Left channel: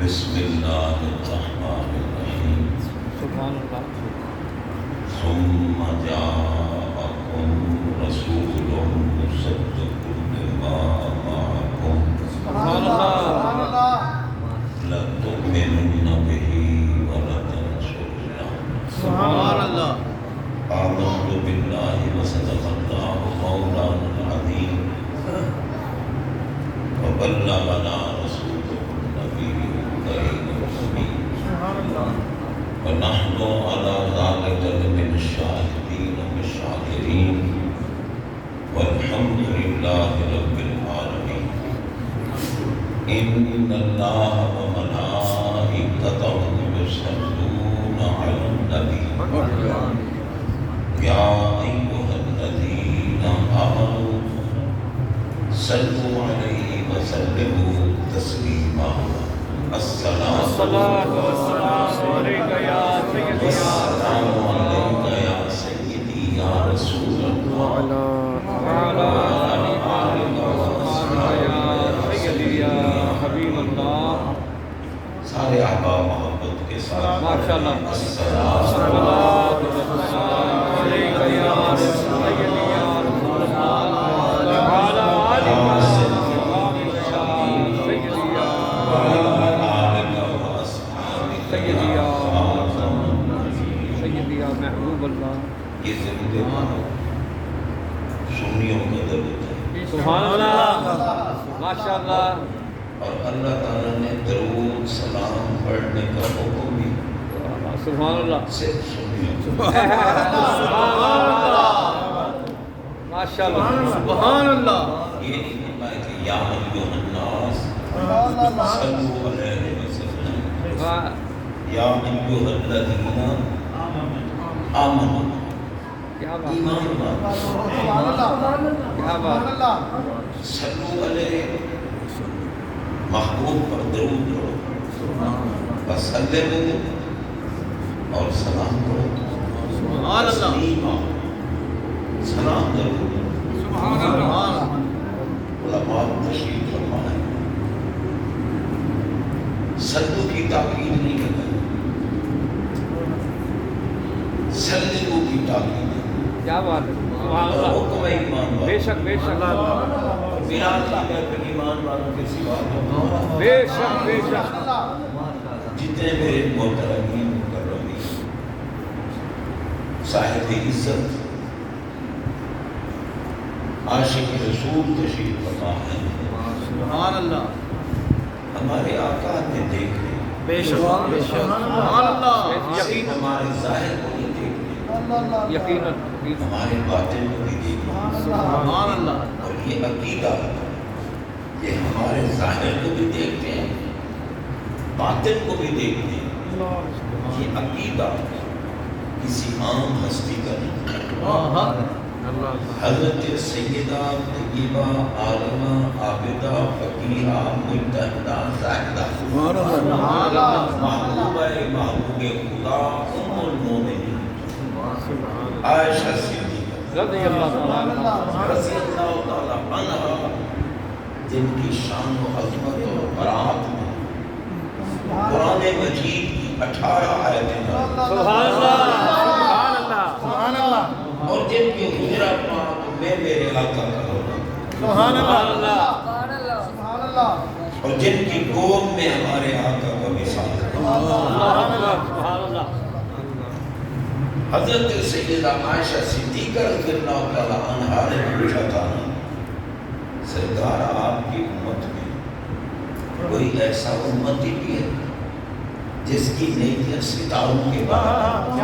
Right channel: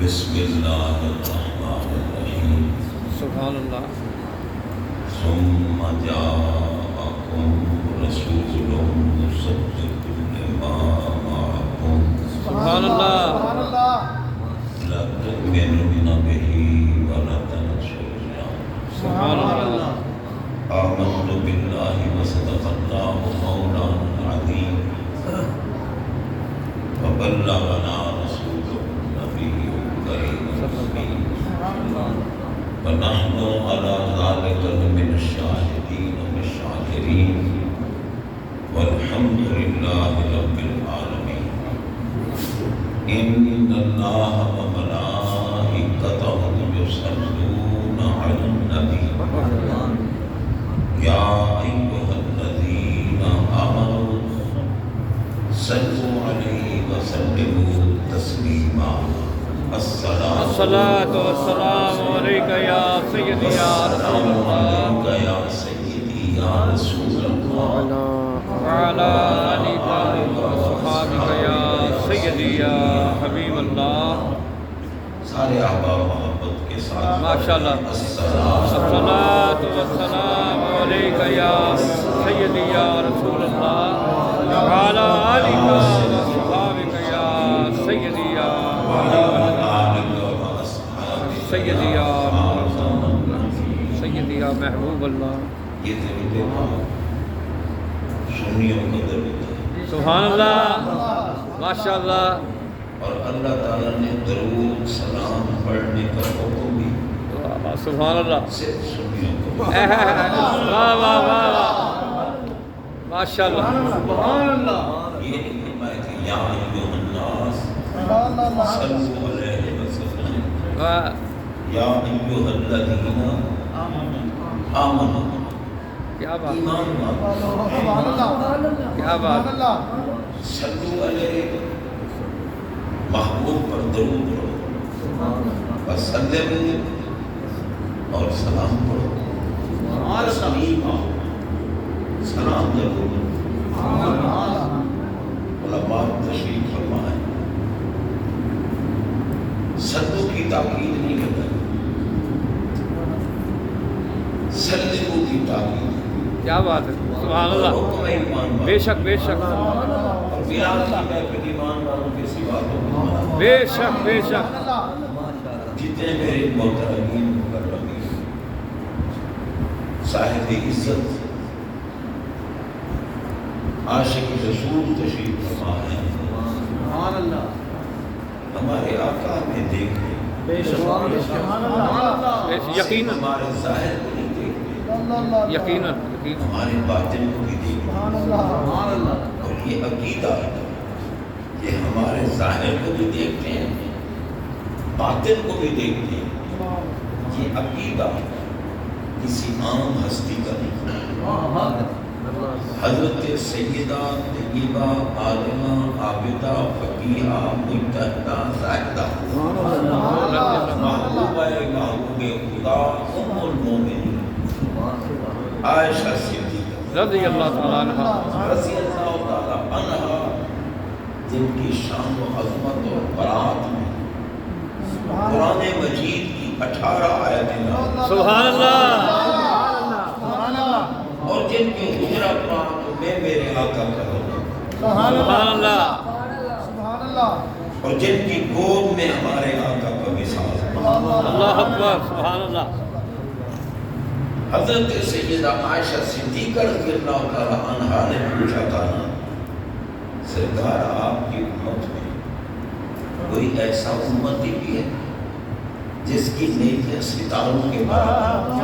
بسم اللہ الرحمن الرحیم سبحان اللہ ثم جاءکم رسول مصدق لما معکم سبحان اللہ لتؤمنن به ولتنصرنه سبحان اللہ آمنت باللہ وصدق اللہ مولانا العظیم وبلغنا رسوله النبی الکریم الرحیم ونحن على ذلك لمن الشاهدين والشاكرين والحمد لله رب العالمين إن الله وملائكته يصلون على النبي يا أيها الذين آمنوا صلوا عليه وسلموا تسليما الصلاة والسلام عليك يا سيدي يا رسول عليك يا سيدي يا رسول الله وعلى آلك وصحبك يا سيدي يا حبيب الله سارے آقا محبت کے ساتھ ما شاء الله الصلاة الصلاة والسلام عليك يا سيدي يا رسول الله وعلى آلك وصحبك يا سيدي يا سيدي يا سيدي يا محبوب الله یہ ذریعے سنیوں کا درد ہے سبحان اللہ ما شاء اللہ اور اللہ تعالیٰ نے درود سلام پڑھنے کا حکم بھی سبحان اللہ صرف سنیوں کو ما شاء اللہ سبحان اللہ یہ نہیں فرمایا کہ یا ایھا الناس صلو علیہ وسلم یا ایھا الذین آمنوا کیا بات ایمان کیا بات صلو علیہ محبوب پر درود پڑھو وسلموا اور سلام پڑھو تسلیما سلام کرو علماء تشریف فرمائے صلو کی تاکید نہیں کرتے سلموا کی تاکید کیا بات ہے سبحان اللہ حکم ہے ایمان بے شک بے شک بلال کی گھر پہ ایمان والوں کے سوا بے شک بے شک جتنے میرے محترمین مکرمین صاحب عزت عاشق رسول تشریف فرما ہیں سبحان اللہ ہمارے آقا میں دیکھ لیں بے شک بے شک سبحان اللہ یقینا ہمارے ظاہر کو نہیں دیکھتے یقینا ہمارے باطن کو بھی دیکھتے سبحان اللہ اور یہ عقیدہ ہے یہ ہمارے ظاہر کو بھی دیکھتے ہیں باطن کو بھی دیکھتے ہیں یہ عقیدہ کسی عام ہستی کا نہیں حضرت سیدہ طیبہ عالمہ عابدہ فقیہہ مجتہدہ زاہدہ محبوبہ محبوب خدا ام المومنین عائشہ صدیقہ رضی اللہ عنہ رضی اللہ تعالی عنہا جن کی شان و عظمت اور برات میں قرآن مجید کی 18 آیتیں سبحان اللہ اور جن کے حجرہ پاک میں میرے آقا کا ہوگا سبحان اللہ اور جن کی گود میں ہمارے آقا کا مثال ہے اللہ اکبر سبحان اللہ حضرت سیدہ عائشہ صدیقہ رضی اللہ تعالی عنہا نے پوچھا تھا سرکار آپ کی امت میں کوئی ایسا امتی بھی ہے جس کی نیکیاں ستاروں کے بعد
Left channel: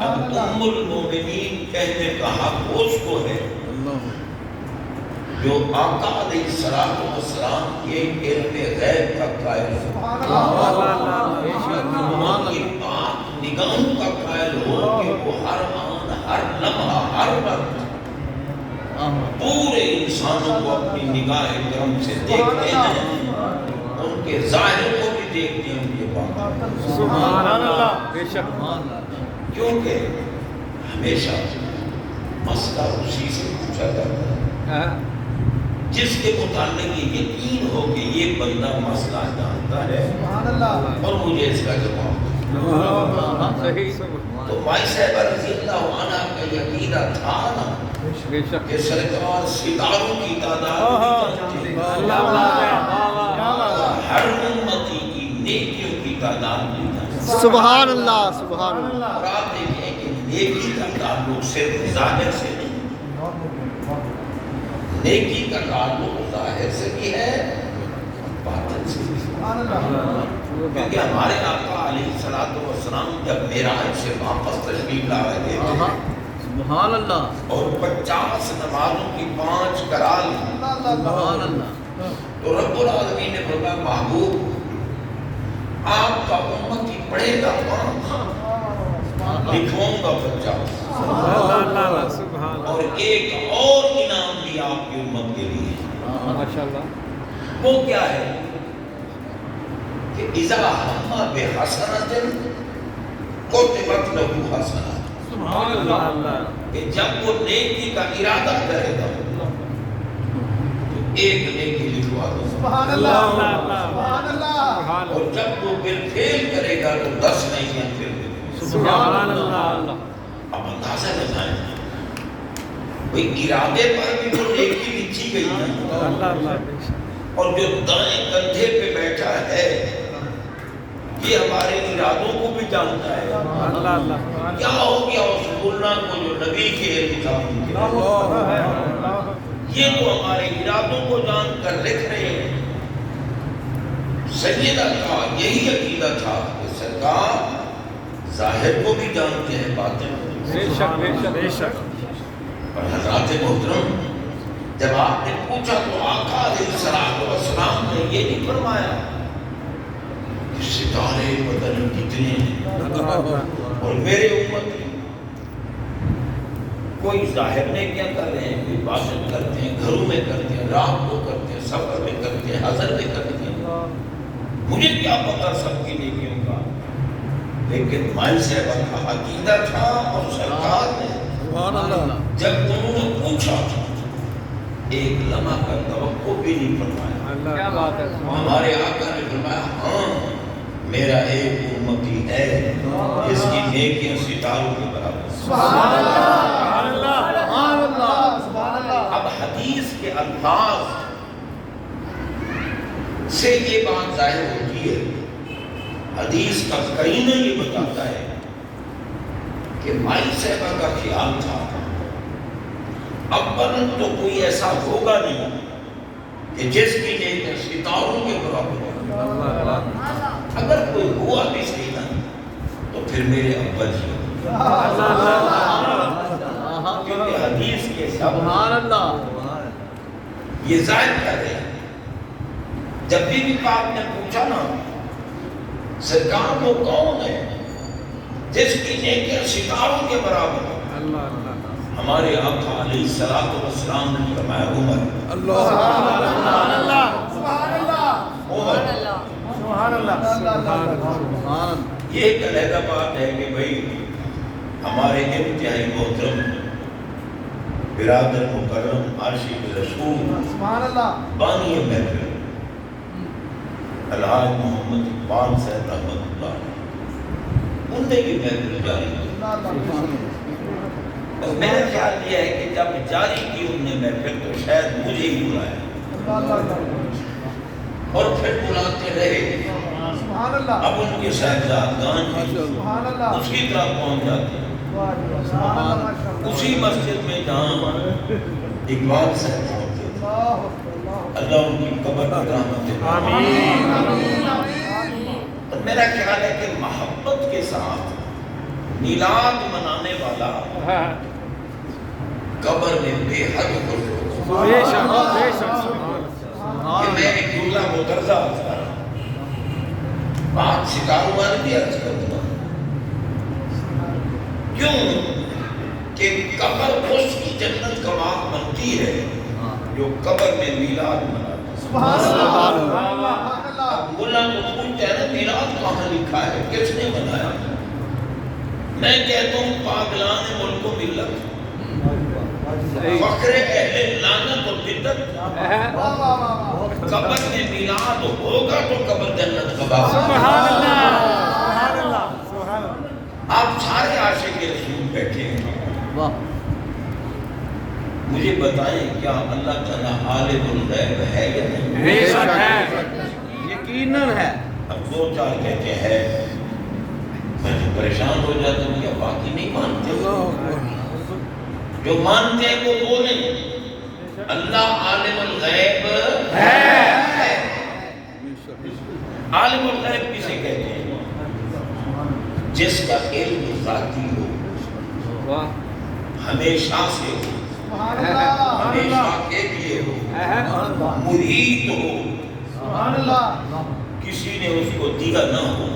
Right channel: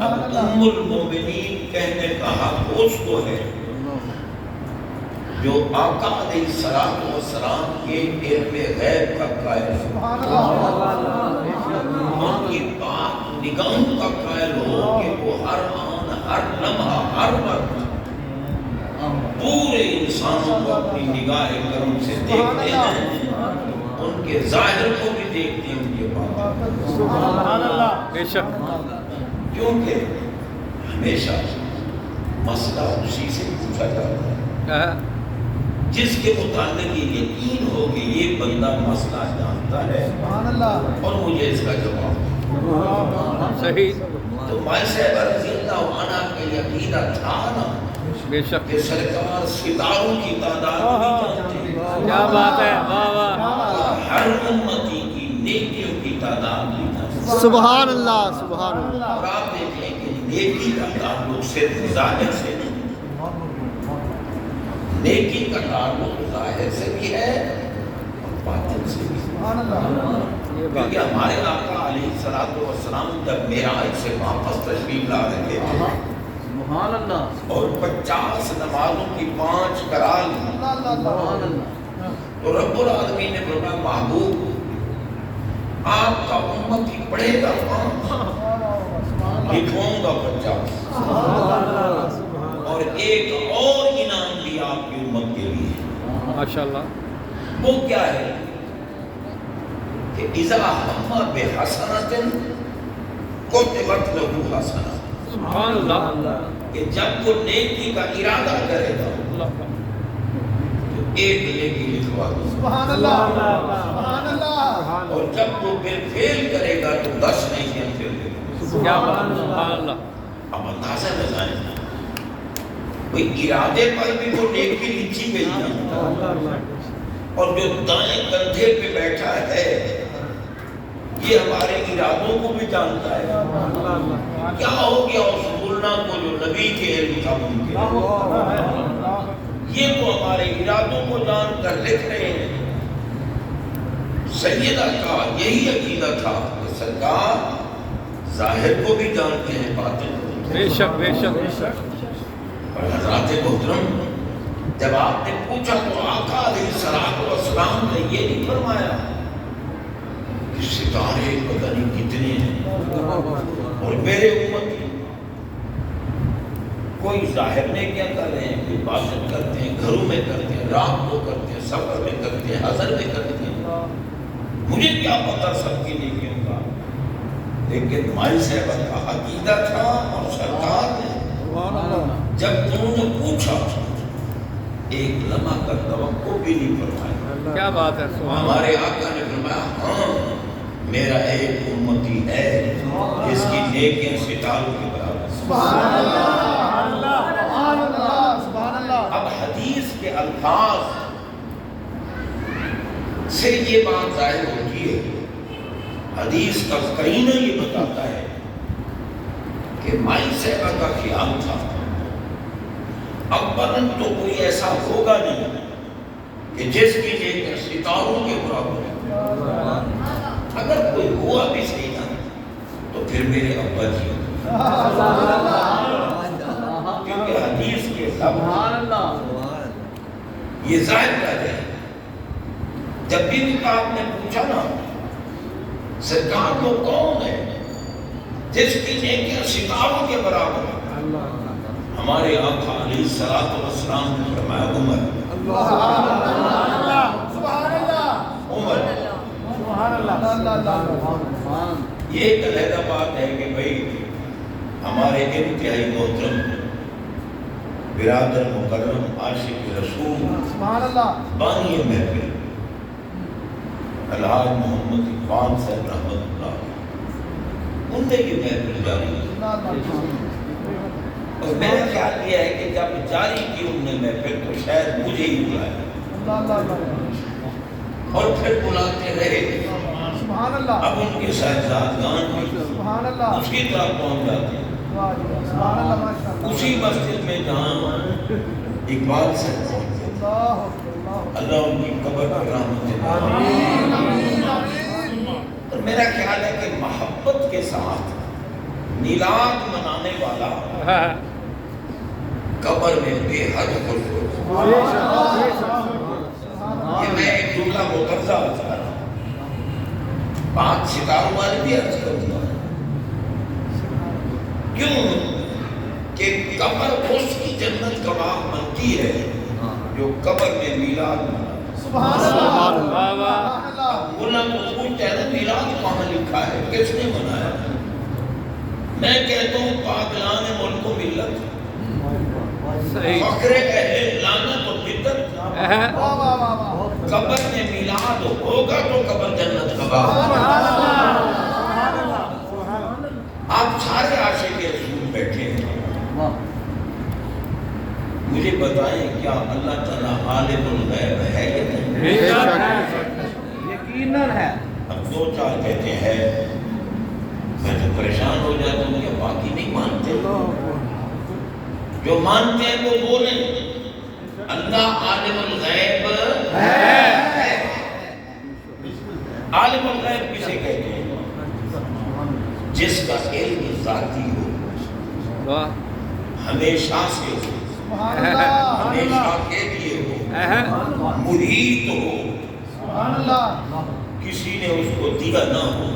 اب ام المومنین کہنے کا حق اس کو ہے جو آقا علیہ السلام کے علم غیب کا قائل ہے ان کی بات نگاہوں کا قائل ہو کہ وہ ہر آن ہر لمحہ ہر وقت پورے انسانوں کو اپنی نگاہ کرم سے دیکھتے ہیں ان کے ظاہر کو بھی دیکھتے ہیں ان کے بات سبحان اللہ بے شک کیونکہ ہمیشہ مسئلہ اسی سے پوچھا جاتا ہے جس کے متعلق یہ یقین ہو کہ یہ بندہ مسئلہ جانتا ہے اور مجھے اس کا جواب دے۔ صحیح تو مائی صاحب رضی اللہ عنہ کا یہ عقیدہ تھا نا بے شک کہ سرکار ستاروں کی تعداد نہیں جانتے، کیا بات ہے واہ واہ ہر امتی کی نیکیوں کی تعداد نہیں جانتے۔ سبحان اللہ سبحان اللہ۔ اور آپ دیکھیں کہ نیکی کا تعلق صرف ظاہر سے نہیں، نیکی کا تعلق ظاہر سے بھی ہے باطن سے بھی، کیونکہ ہمارے آقا علیہ الصلوۃ والسلام جب معراج سے واپس تشریف لا رہے تھے سبحان اللہ اور 50 نمازوں کی 5 کرا لی، سبحان اللہ تو رب العالمین نے فرمایا محبوب آپ کا امتی پڑھے گا 5، لکھوں گا 50، اور ایک اور انعام بھی آپ کی امت کے لیے، ماشاءاللہ وہ کیا ہے کہ اذا ہم بحسنۃ کتبت لہ حسنۃ، سبحان اللہ کہ جب وہ نیکی کا ارادہ کرے گا تو ایک نیکی لکھوا دو، سبحان اللہ سبحان اللہ۔ اور جب وہ بالفعل کرے گا تو 10 نیکیاں پھر دے گا۔ سبحان اللہ اب اندازہ لگائیں بھئی ارادے پر بھی وہ نیکی لکھی گئی نا، اور جو دائیں کندھے پہ بیٹھا ہے یہ ہمارے ارادوں کو بھی جانتا ہے۔ کیا ہو گیا اس ملا کو جو نبی کے علم تھا ان کے، یہ تو ہمارے ارادوں کو جان کر لکھ رہے ہیں۔ سیدہ کا یہی عقیدہ تھا کہ سرکار ظاہر کو بھی جانتے ہیں باطن کو بھی۔ بے شک بے شک بے شک اور حضرات محترم جب آپ نے پوچھا تو آقا علیہ السلام نے یہ نہیں فرمایا کہ ستارے پتہ نہیں کتنے ہیں اور میرے امتی کوئی ظاہر میں کیا کر رہے ہیں، کوئی باطن کرتے ہیں، گھروں میں کرتے ہیں، رات کو کرتے ہیں، سفر میں کرتے ہیں، حضر میں کرتے ہیں، مجھے کیا پتا سب کے لیے کیوں کا، لیکن مائی صاحبہ کا عقیدہ تھا اور سرکار نے جب انہوں نے پوچھا ایک لمحہ کا توقع بھی نہیں فرمایا۔ کیا بات ہے ہمارے آقا نے فرمایا ہاں میرا ایک امتی ہے جس کی نیکیاں ستاروں کے برابر۔ اب حدیث کے الفاظ سے یہ بات ظاہر ہوتی ہے، حدیث کا قرینہ یہ بتاتا ہے کہ مائی صاحبہ کا خیال تھا اولاً تو کوئی ایسا ہوگا نہیں کہ جس کی نیکیاں ستاروں کے برابر ہے، اگر کوئی ہوا بھی صحیح نہ تو پھر میرے ابا جی، کیونکہ حدیث کے سبحان اللہ یہ ظاہر کر رہے ہیں۔ جب بھی پاک نے پوچھا نا سرکار وہ کون ہے جس کی نیکیاں ستاروں کے برابر ہے، ہمارے آقا علیہ الصلوۃ والسلام نے فرمایا عمر، عمر۔ یہ ایک علیحدہ بات ہے کہ بھئی ہمارے انتہائی محترم برادر مکرم عاشق رسول بانی محفل الحاج محمد اقبال صاحب رحمۃ اللہ ان نے یہ محفل جاری کی، اور میرا خیال یہ ہے کہ جب جاری کی ان نے محفل تو شاید مجھے ہی بلایا اور پھر بلاتے رہے، اب ان کے صاحبزادگان بھی اس کی طرف پہنچ جاتے ہیں، اسی مسجد میں جہاں اقبال صاحب پہنچے، اللہ ان کی قبر پر رحمت دے۔ اور میرا خیال ہے کہ محبت کے ساتھ میلاد منانے والا قبر میں بے حد خوش ہو کہ میں ایک جملہ مترجہ عرض کر رہا ہوں، بات ستاروں والے بھی عرض کروں گا، کیوں کہ قبر اس کی جنت کا باغ بنتی ہے جو قبر میں میلاد مناتا ہے۔ سبحان اللہ۔ مولا تو پوچھتا ہے نا میلاد کہاں لکھا ہے، کس نے منایا؟ میں کہتا ہوں پاگلان ملک و ملت، صحیح فخر اہل لعنت و بدعت قبر میں میلاد ہوگا تو قبر جنت کا باغ آپ سارے عاشق رسول بیٹھے ہیں مجھے بتائیں کیا اللہ تعالیٰ عالم الغیب ہے یا نہیں؟ بے شک یقیناً ہے اب دو چار کہتے ہیں میں تو پریشان ہو جاتا ہوں کہ باقی نہیں مانتے جو مانتے ہیں وہ بولیں اللہ عالم الغیب ہے عالم الغیب کسے کہتے ہیں جس کا علم ذاتی ہو واہ ہمیشہ سے ہو ہمیشہ کے لیے ہو محیط ہو کسی نے اس کو دیا نہ ہو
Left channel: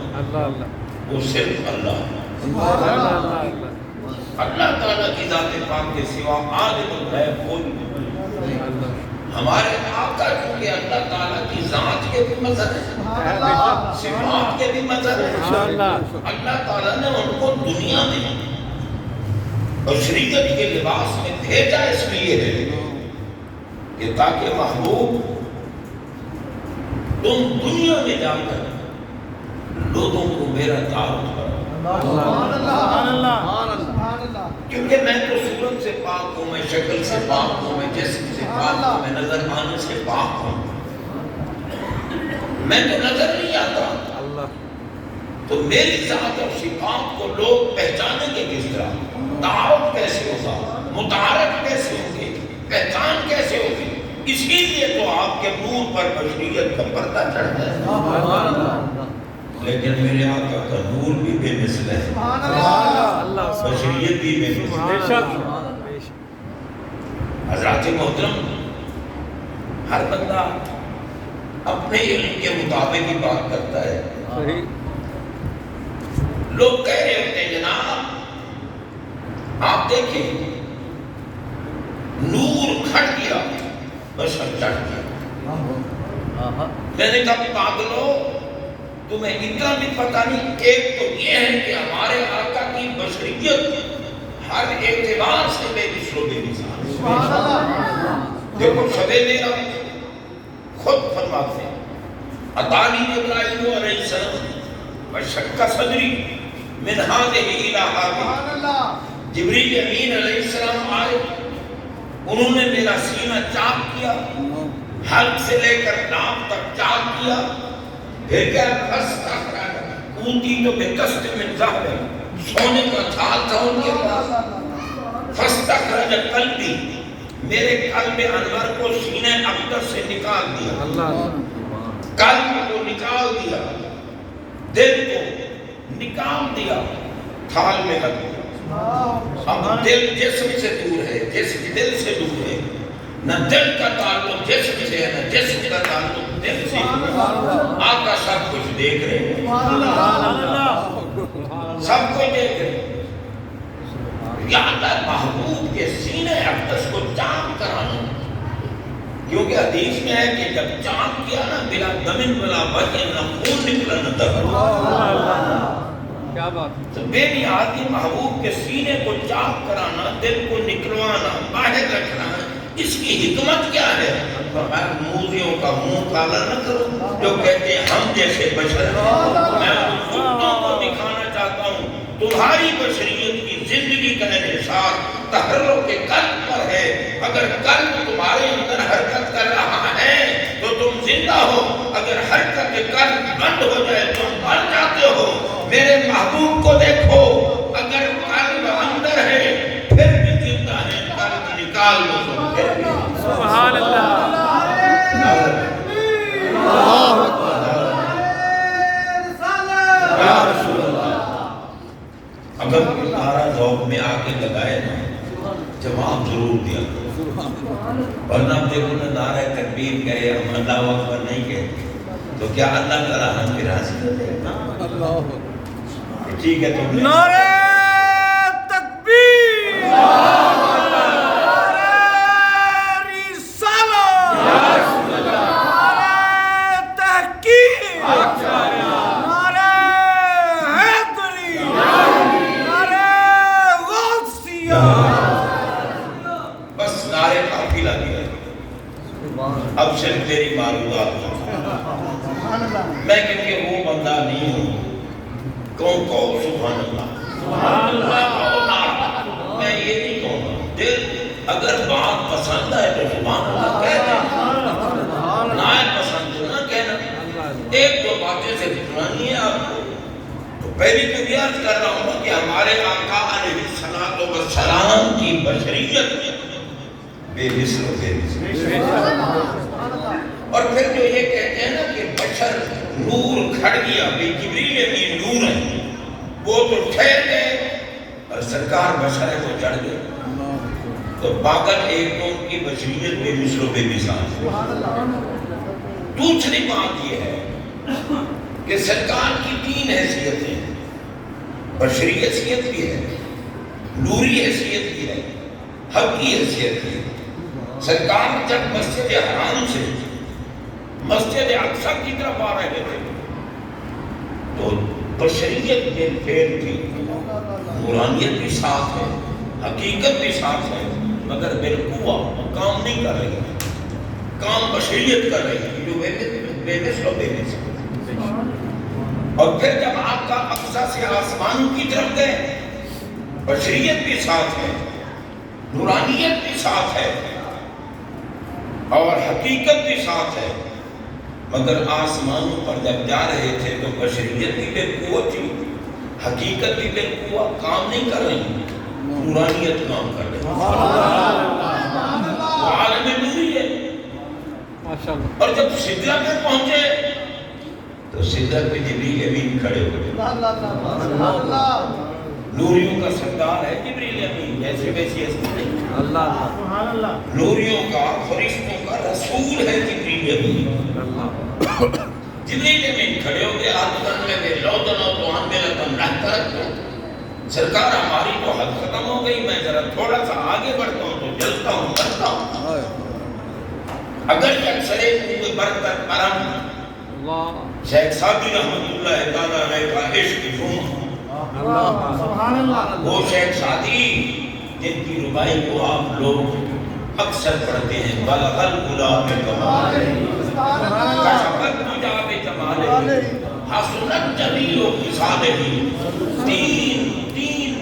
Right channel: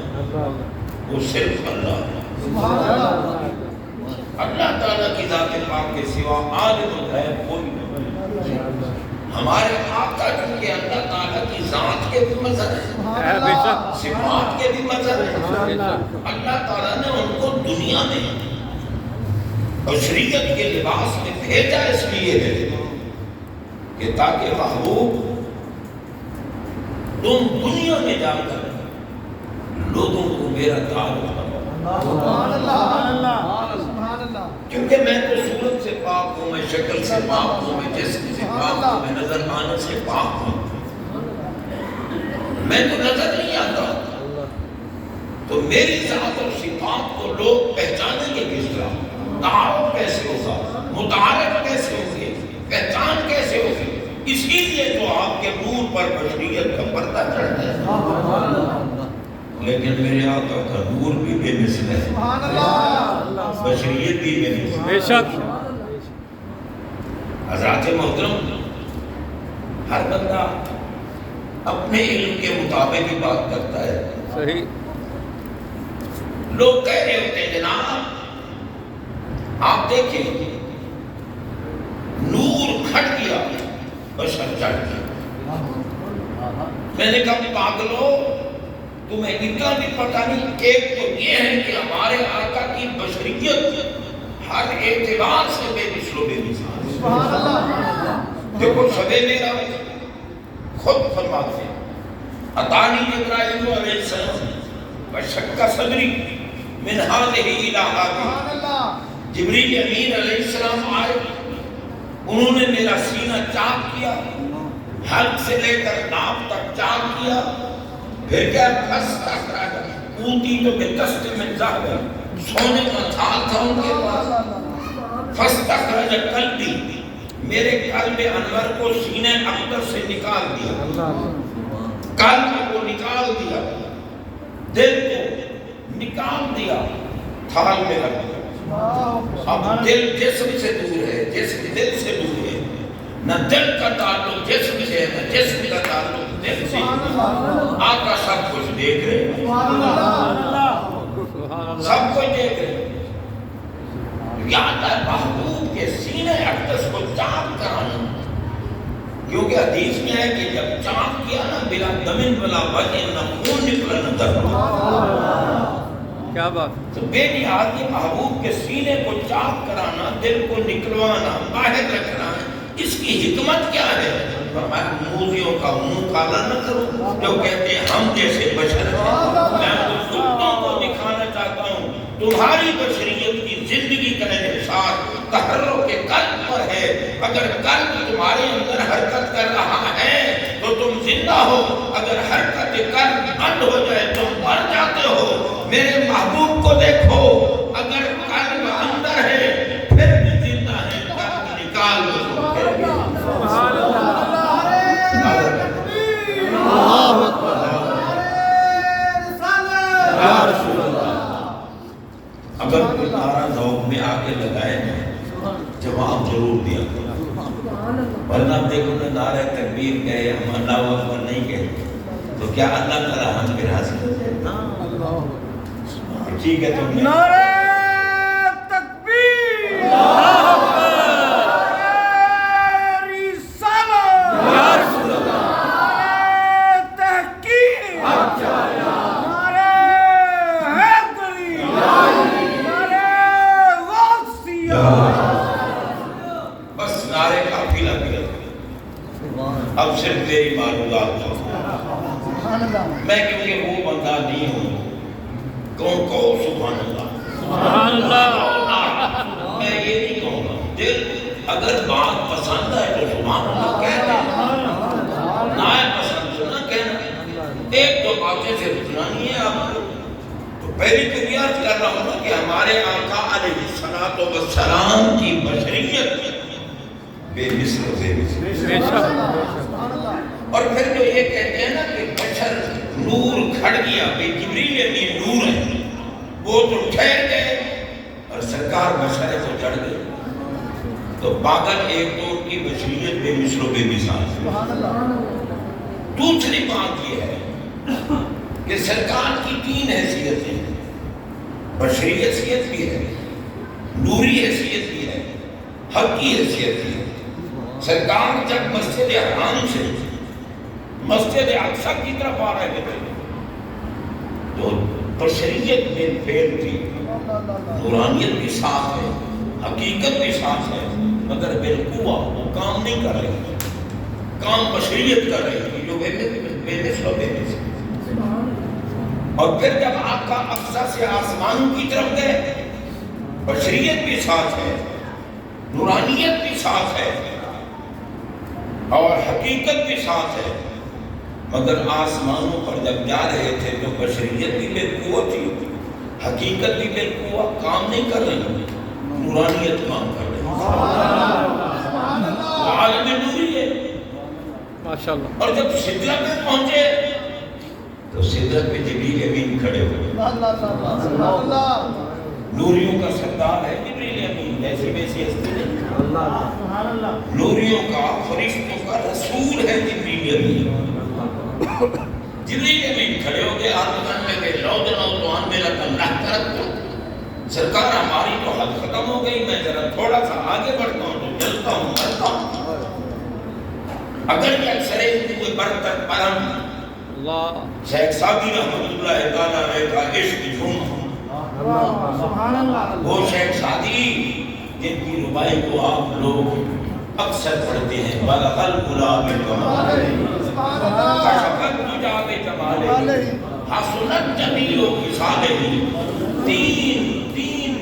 وہ صرف اللہ اللہ تعالیٰ کی ذات پاک کے سوا عالم الغیب کوئی نہیں ہمارے آقا چونکہ اللہ تعالیٰ کی ذات کے بھی مظہر ہیں صفات کے بھی مظہر ہیں اللہ تعالیٰ نے ان کو دنیا میں بشریت کے لباس میں بھیجا اس لیے ہے کہ تاکہ محبوب تم دنیا میں جا کر لوگوں کو میرا تعارف کرو کیونکہ میں تو صورت سے پاک ہوں میں شکل سے پاک ہوں میں جسم سے پاک ہوں میں نظر آنے سے پاک ہوں میں تو نظر نہیں آتا تو میری ذات اور صفات کو لوگ پہچانیں گے کس طرح تعارف کیسے ہوگا متعارف کیسے ہوگی پہچان کیسے ہوگی اسی لیے تو آپ کے نور پر بشریت کا پردہ چڑھتا ہے لیکن میرے آقا کا نور بھی بے مثل ہے بشریت بھی بے مثل بے شک حضرات محترم ہر بندہ اپنے علم کے مطابق ہی بات کرتا ہے صحیح لوگ کہہ رہے ہوتے ہیں جناب آپ دیکھیں نور کھٹ گیا بشر چڑھ گیا میں نے کہا پاگلو تمہیں اتنا بھی پتہ نہیں ایک تو یہ ہے کہ ہمارے آقا کی بشریت ہر اعتبار سے بے مثل و بے مثال دیکھو شب میرا خود فرماتے ہیں اتانی ابراہیم علیہ السلام وشق صدری من هذه الى هذه جبریل امین علیہ السلام آئے انہوں نے میرا سینہ چاک کیا حلق سے لے کر ناف تک چاک کیا پھر کیا فاستخرج اوتی تو بقسط من ذهب سونے کا تھال تھا ان کے پاس فاستخرج قلبی میرے قلب انور کو سینے اقدس سے نکال دیا قلب کو نکال دیا دل کو نکال دیا تھال میں رکھ دیا اب دل جسم سے دور ہے جسم دل سے دور ہے نہ دل کا تعلق جسم سے ہے نہ جسم کا تعلق دل سے آقا سب کچھ دیکھ رہے ہیں سب کچھ دیکھ رہے ہیں یا اللہ محبوب کے سینے اقدس کو چاک کرانا کیونکہ حدیث میں ہے کہ جب چاک کیا نا بلا دمن بلا وجہ نہ خون نکلا نہ درد کیا بات تو بے نیازی محبوب کے سینے کو چاک کرانا دل کو نکلوانا باہر رکھنا اس کی حکمت کیا ہے فرمایا موذیوں کا منہ کالا نہ کرو جو کہتے ہیں ہم جیسے بشر ہیں میں ان خودوں کو دکھانا چاہتا ہوں تمہاری بشریت کی زندگی کا انحصار تحرک کے قلب پر ہے اگر قلب تمہارے اندر حرکت کر رہا ہے تو تم زندہ ہو اگر حرکت قلب بند ہو جائے تم مر جاتے ہو میرے محبوب کو دیکھو اگر قلب اندر ہے پھر بھی زندہ ہے قلب نکال دو سبحان اللہ اللہ اکبر یا رسول اللہ اگر کوئی نعرہ ذوق میں آ کے لگائے نا جواب ضرور دیا ورنہ دیکھو نا نعرہ تکبیر کہے ہم اللہ اکبر نہیں کہے تو کیا اللہ تعالیٰ ہم کے راضی ٹھیک ہے تم نے نعرہ تکبیر بس میں کیونکہ وہ بندہ نہیں ہوں، کون کہو سبحان اللہ، میں یہ نہیں کہوں گا، اگر بات پسند ہے تو سبحان اللہ کہہ دیں، نہ پسند تو نہ کہنا۔ ایک دو باتیں سے سنانی ہے آپ کو، تو پہلی تو یہ عرض کر رہا ہوں نا کہ ہمارے آقا علیہ الصلوۃ والسلام کی بشریت بے مثل و بے مثل، اور پھر جو یہ کہتے ہیں نا کہ بشر نور کھڑ گیا، بھئی جبریل امین نور ہے، وہ تو ٹھہر گئے اور سرکار بشر ہے تو چڑھ گئے، تو پاگل ایک تو ان کی بشریت بے مثل و بے مثال ہے۔ دوسری بات یہ ہے کہ سرکار کی تین حیثیتیں، بشری حیثیت بھی ہے، نوری حیثیت بھی ہے، حق کی حیثیت بھی ہے۔ سرکار جب مسجد حرام سے مسجد اقصی کی طرف آ رہے تھے تو بشریت میں پھیل تھی، نورانیت بھی ساتھ ہے، حقیقت بھی ساتھ ہے، مگر بالقوہ وہ کام نہیں کر رہی، کام بشریت کر رہی تھی جو بے مثل و بے مثل۔ اور پھر جب آپ کا اقصی سے آسمانوں کی طرف گئے، بشریت بھی ساتھ ہے، نورانیت بھی ساتھ ہے اور حقیقت بھی ساتھ ہے، مگر آسمانوں پر جب جا رہے تھے تو بشریت بھی بالقوت تھی، حقیقت بھی بالقوت کام نہیں کر رہی، نورانیت کام کر رہی، وہ عالم نوری ہے۔ اور جب سدرہ میں پہنچے تو سدرہ پہ جبریل امین کھڑے ہوئے، نوریوں کا سردار ہے جبریل امین، جیسے ویسی ہستی نہیں، نوریوں کا فرشتوں کا رسول ہے جبریل امین۔ جبریل امین کھڑے ہو گئے، آرمدان میں گئے، لو دنو تو آن میں لکم رہ کرک تو سرکار ہماری تو حد ختم ہو گئی، میں ذرا تھوڑا سا آگے بڑھتا ہوں تو جلتا ہوں مرتا ہوں، اگر یک سرے کوئی برتر پرم شیخ سعدی رحمت اللہ تعالیٰ علیہ کا عشق جھوم، وہ شیخ سعدی جن کی ربائی کو آپ لوگ اکثر پڑھتے ہیں، بلغ الغلام کمالہ کشفت حجاب جمالہ حسنت جمیل خصالہ، تین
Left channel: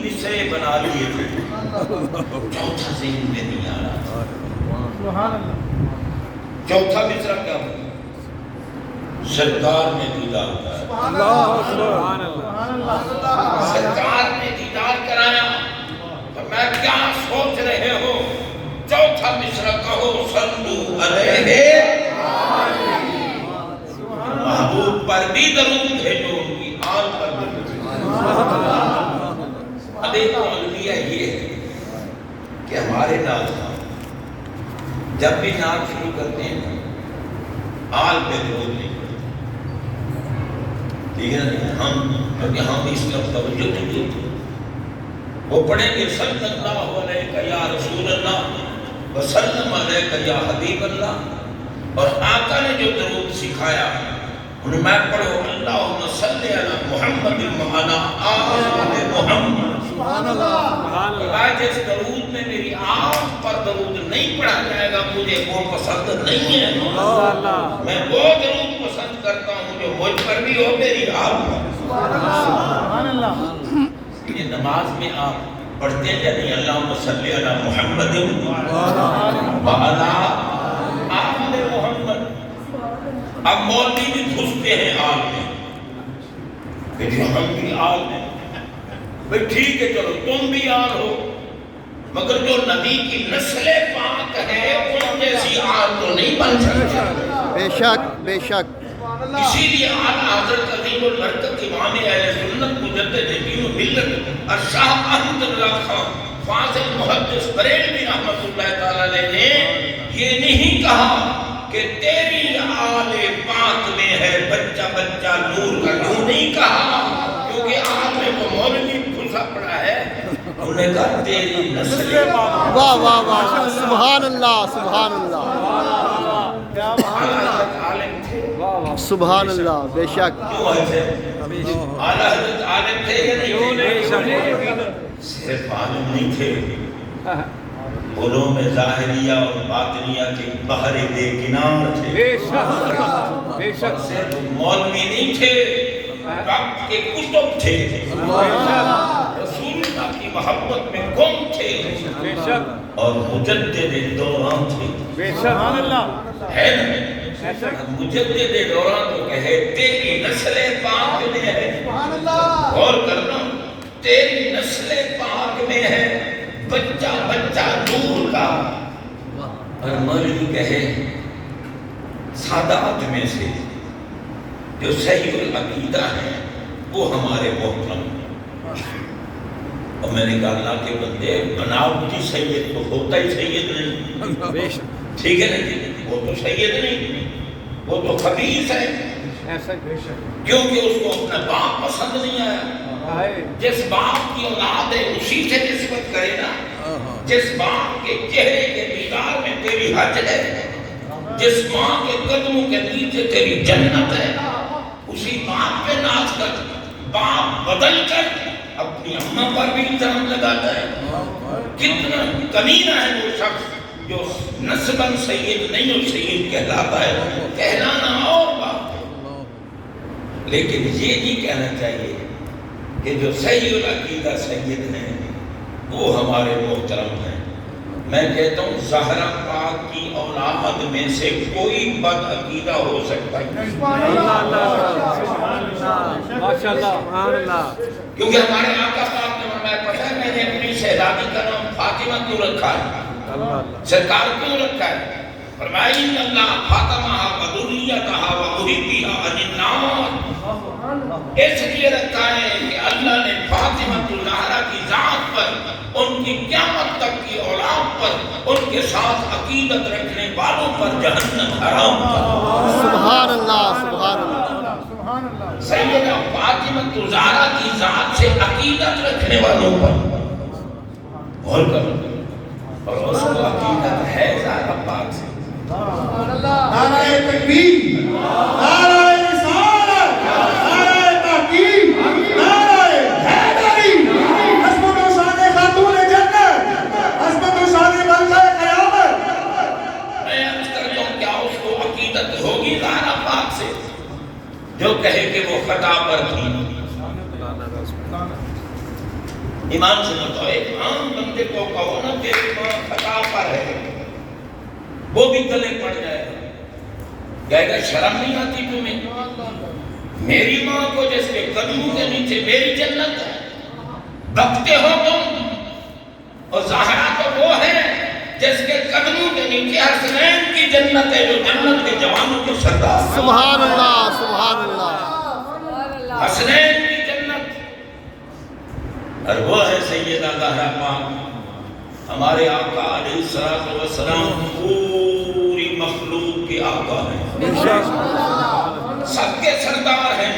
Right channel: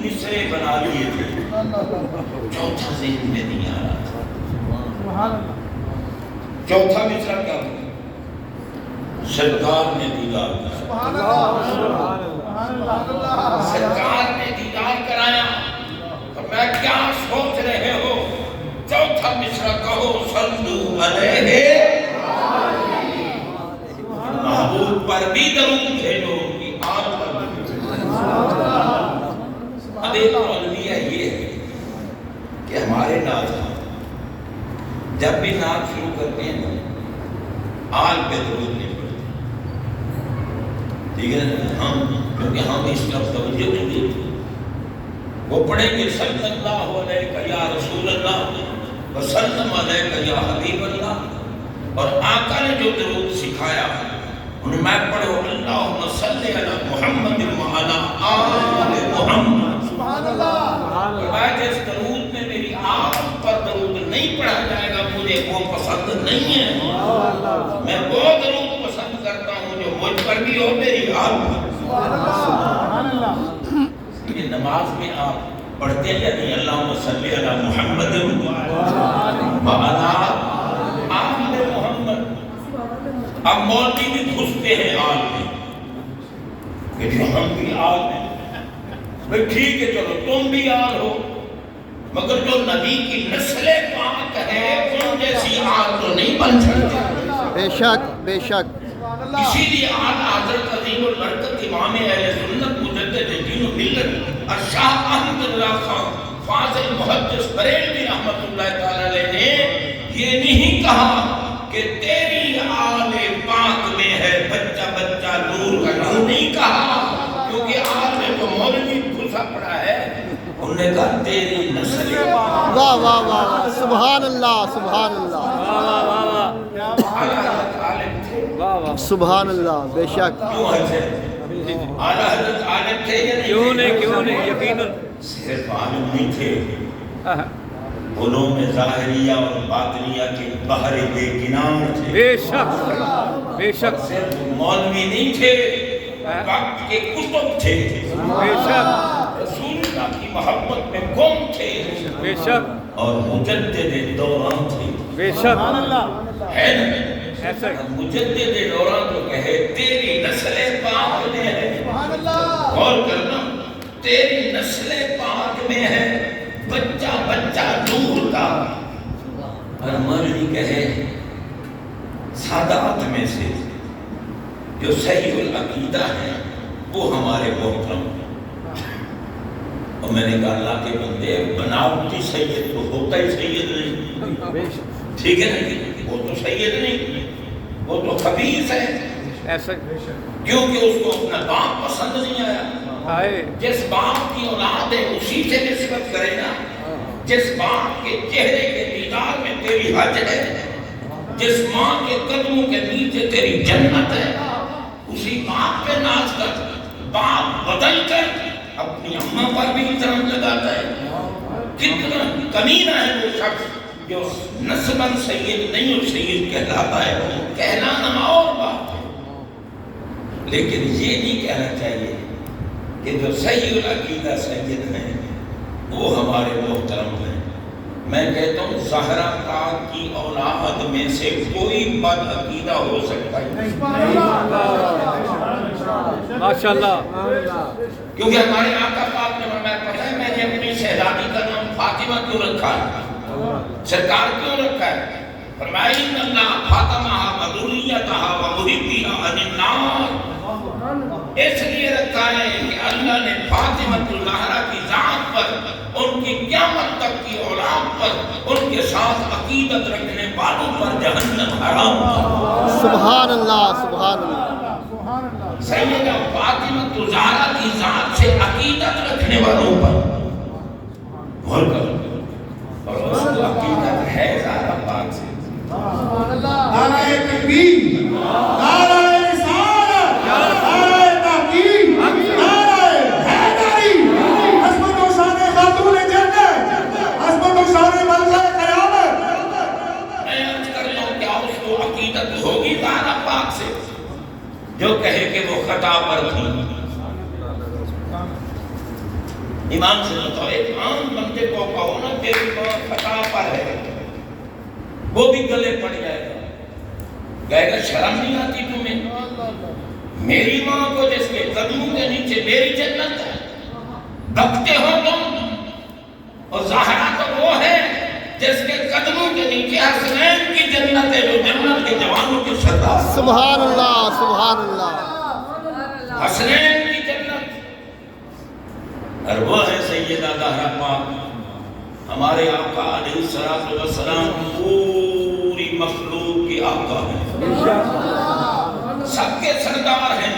مصرے بنا لیے تھے، چوتھا ذہن میں نہیں آ رہا تھا۔ چوتھا مصرع کیا ہوا؟ سرکار نے دیدار کرایا، سرکار نے دیدار کرایا، تو میں کیا سوچ رہے ہو؟ چوتھا مصرع کہو صلو علیہ، محبوب پر بھی درود بھیجو، ان کی آل پر بھی درود بھیجو۔ اب ایک علمیہ یہ ہے کہ ہمارے ناز جب بھی نعت شروع کرتے ہیں آل پہ درود نہیں پڑھتے، ٹھیک ہے نا، کیونکہ ہم اس طرف توجہ نہیں دیتے، وہ پڑھیں گے صلی اللہ علیہ یا رسول اللہ وسلم علیہ یا حبیب اللہ، اور آقا نے جو درود سکھایا انہوں میں پڑھو اللہم صلی علی محمد وعلی آل محمد، جس درود میں میری آپ پر درود نہیں پڑھا جائے گا مجھے وہ پسند نہیں ہے، میں وہ درود پسند کرتا ہوں جو مجھ پر بھی ہو میری آپ پر۔ یہ نماز میں آپ پڑھتے ہیں نہیں اللہم صلی علی محمد وعلی آل محمد، اب مولوی بھی گھستے ہیں آل میں کہ جو ہم بھی آل ہیں، بھئی ٹھیک ہے چلو تم بھی آل ہو، مگر جو نبی کی نسل پاک ہے ان جیسی آل تو نہیں بن سکتی۔ بے شک بے شک۔ اسی لیے آل حضرت عظیم البرکت امام اہل سنت مجدد دین و ملت الشاہ احمد اللہ خان فاضل محدث بریلوی رحمت اللہ تعالیٰ علیہ نے یہ نہیں کہا کہ تیری آل پاک میں ہے بچہ بچہ نور کا، یوں نہیں کہا، کیونکہ آل میں تو مولوی گھسا پڑا ہے، انہوں نے کہا تیری نسل پاک۔ واہ واہ واہ، سبحان اللہ سبحان اللہ عالم تھے، سبحان اللہ، بے شک۔ کیوں ایسے اعلیٰ حضرت عالم تھے یا نہیں؟ صرف عالم نہیں تھے، علوم ظاہریہ اور باطنیہ کے بحر بے کنار تھے، بے شک اور صرف مولوی نہیں تھے، وقت کے کتب تھے، بے شک رسول اللہ کی محبت میں گم تھے، بے شک اور مجدد دوران تھے، بے شک ہے نا؟ ایسا ہی مجدد دوران تو کہے تیری نسل پاک میں ہے، غور کرنا، تیری نسل پاک میں ہے بچہ بچہ نور کا، اور مولوی کہے سادات میں سے جو صحیح العقیدہ ہے وہ ہمارے محترم ہیں۔ اور میں نے کہا اللہ کے بندے، بناوٹی سید تو ہوتا ہی سید نہیں، ٹھیک ہے نا؟ وہ تو سید نہیں، وہ تو خبیث ہے، ایسا ہی کیونکہ اس کو اپنا باپ پسند نہیں آیا۔ آئے جس باپ کی اولاد ہے اسی سے نسبت کرے نا، جس باپ کے چہرے کے دیدار میں تیری حج ہے، جس ماں کے قدموں کے نیچے تیری جنت ہے، اسی باپ پہ ناز کر۔ باپ بدل کر اپنی اماں پر بھی الزام لگاتا ہے۔ کتنا کمینہ ہے وہ شخص جو نسباً سید نہیں اور سید کہلاتا ہے، کہلانا اور بات ہے، لیکن یہ نہیں کہنا چاہیے کہ جو صحیح العقیدہ سید ہیں وہ ہمارے محترم ہیں۔ میں کہتا ہوں زہرا پاک کی اولاد میں سے کوئی بد عقیدہ ہو سکتا ہے، ماشاءاللہ کیونکہ ہمارے آقا پاک نے فرمایا، پتہ ہے میں نے اپنی شہزادی کا نام فاطمہ کیوں رکھا ہے، سرکار کیوں رکھا ہے؟ فرمایا ان اللہ فاطمہ و ذریتہا و محبیہا عن النار، اس لیے رکھا ہے کہ اللہ نے فاطمہ الزہرا کی ذات پر، ان کی قیامت تک کی اولاد پر، ان کے ساتھ عقیدت رکھنے والوں پر جہنم حرام کر۔ سبحان اللہ سبحان اللہ سیدہ فاطمہ الزہرا کی ذات سے عقیدت رکھنے والوں پر غور کرو، اور اس کو عقیدت ہے زہرا پاک سے۔ نعرہ تکبیر، نعرہ رسالت، نعرہ تحقیق، نعرہ حیدری، عظمت و شان خاتون جنت، عظمت و شان ملکہ قیامت۔ میں عرض کرتا ہوں کیا اس کو عقیدت ہوگی زہرا پاک سے جو کہے کہ وہ خطا پر تھی؟ ایمان سے بتاؤ، ایک عام بندے کو کہو نا تیری ماں خطا پر ہے، وہ بھی گلے پڑ جائے گا، کہے گا شرم نہیں آتی تمہیں؟ میری ماں کو جس کے قدموں کے نیچے میری جنت ہے، بکتے ہو تم؟ اور زہرا تو وہ ہے جس کے قدموں کے نیچے حسنین کی جنت ہے، جو جنت کے جوانوں کے سردار۔ سبحان اللہ سبحان اللہ حسنین کی جنت، اور وہ ہے سیدہ زہرا پاک، ہمارے آقا علیہ السلام پوری مخلوق کے آقا ہیں، سب کے سردار ہیں،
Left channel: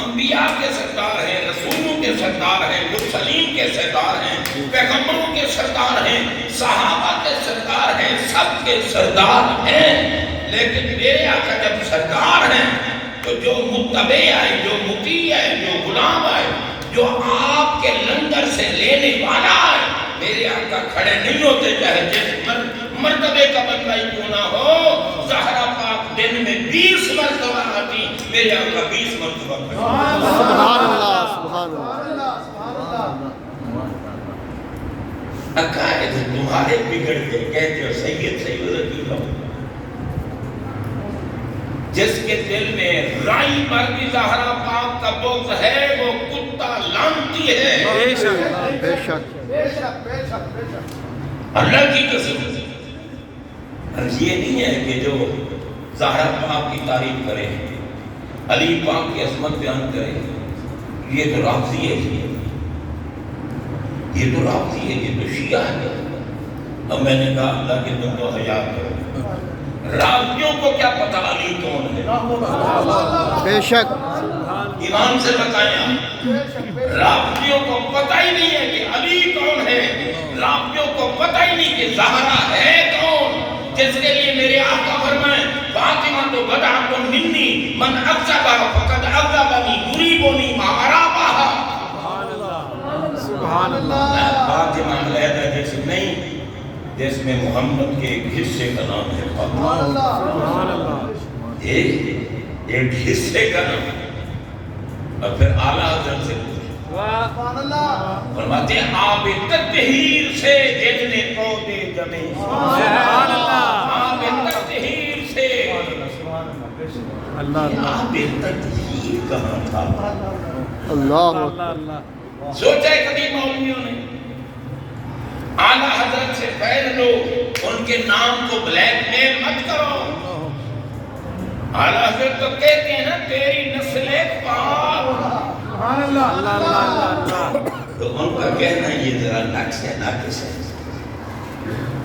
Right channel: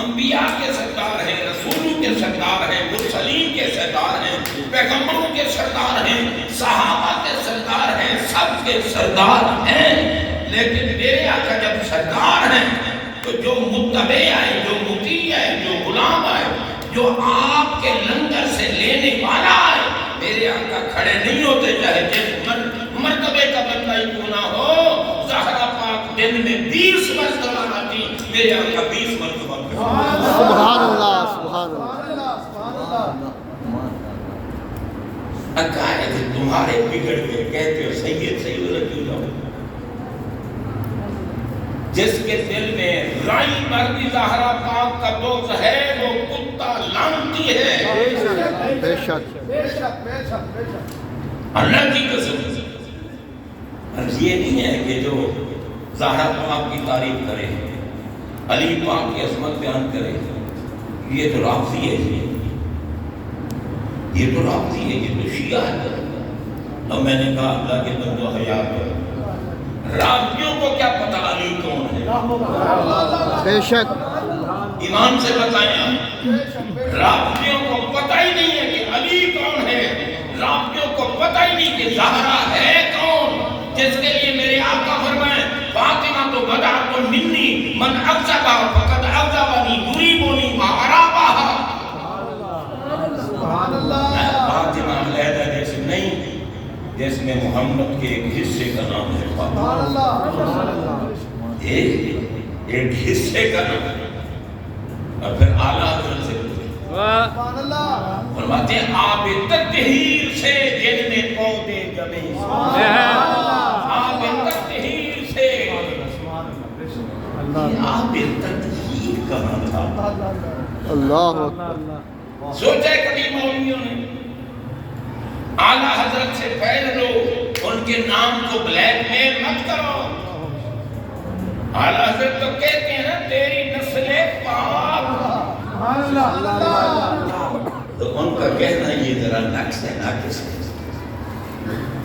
انبیاء کے سردار ہیں، رسولوں کے سردار ہیں، مرسلین کے سردار ہیں، پیغمبروں کے سردار ہیں، صحابہ کے سردار ہیں، سب کے سردار ہیں، لیکن میرے آقا جب سردار ہیں تو جو متبع آئے، جو مطیع آئے، جو غلام آئے، جو آپ کے لنگر سے لینے والا آئے، میرے آقا کھڑے نہیں ہوتے، چاہے جس مرتبے کا بندہ ہی کیوں نہ ہو۔ زہرا پاک دن میں 20 مرتبہ آتی، میرے آقا 20 مرتبہ کھڑے۔ سبحان اللہ سبحان اللہ عقائد تمہارے بگڑ گئے، کہتے ہو سید سید العقیدہ، جس کے دل میں رائی پر بھی زہرا پاک کا بغض ہے وہ کتا لعنتی ہے، بے شک اللہ کی قسم۔ عرض یہ نہیں ہے کہ جو زہرا پاک کی تعریف کرے، علی پاک کی عظمت بیان کرے، یہ تو رافضی ہے، یہ تو رافضی ہے، یہ تو شیعہ ہے۔ اب میں نے کہا اللہ کے بندو حیا کرو، رافضیوں کو کیا پتہ علی کون ہے؟ بے شک ایمان سے بتائیں آپ، رافضیوں کو پتہ ہی نہیں ہے کہ علی کون ہے، رافضیوں کو پتہ ہی نہیں کہ زہرا ہے کون، جس کے لیے میرے آقا فرمائیں فاطمہ تو بدعت منی من اغضبہ فقد اغضبنی یریبنی ما ارابہ۔ فاطمہ علیحدہ جیسے نہیں جس میں محمد کے ایک حصے کا نام ہے فاطمہ۔ ایک حصے کا نام، اور پھر اعلیٰ حضرت سے پوچھے، فرماتے ہیں آب تطہیر سے جن نے پودے جمے، آب تطہیر سے۔ آب تطہیر کہاں تھا؟ اللہ اکبر۔ سوچا ہے کبھی مولویوں نے اعلیٰ حضرت سے پہلے لو، ان کے نام کو بلیک میل مت کرو۔ اعلیٰ حضرت تو کہتے ہیں نا تیری نسل پاک، تو ان کا کہنا یہ ذرا نقص ہے، ناقص ہے۔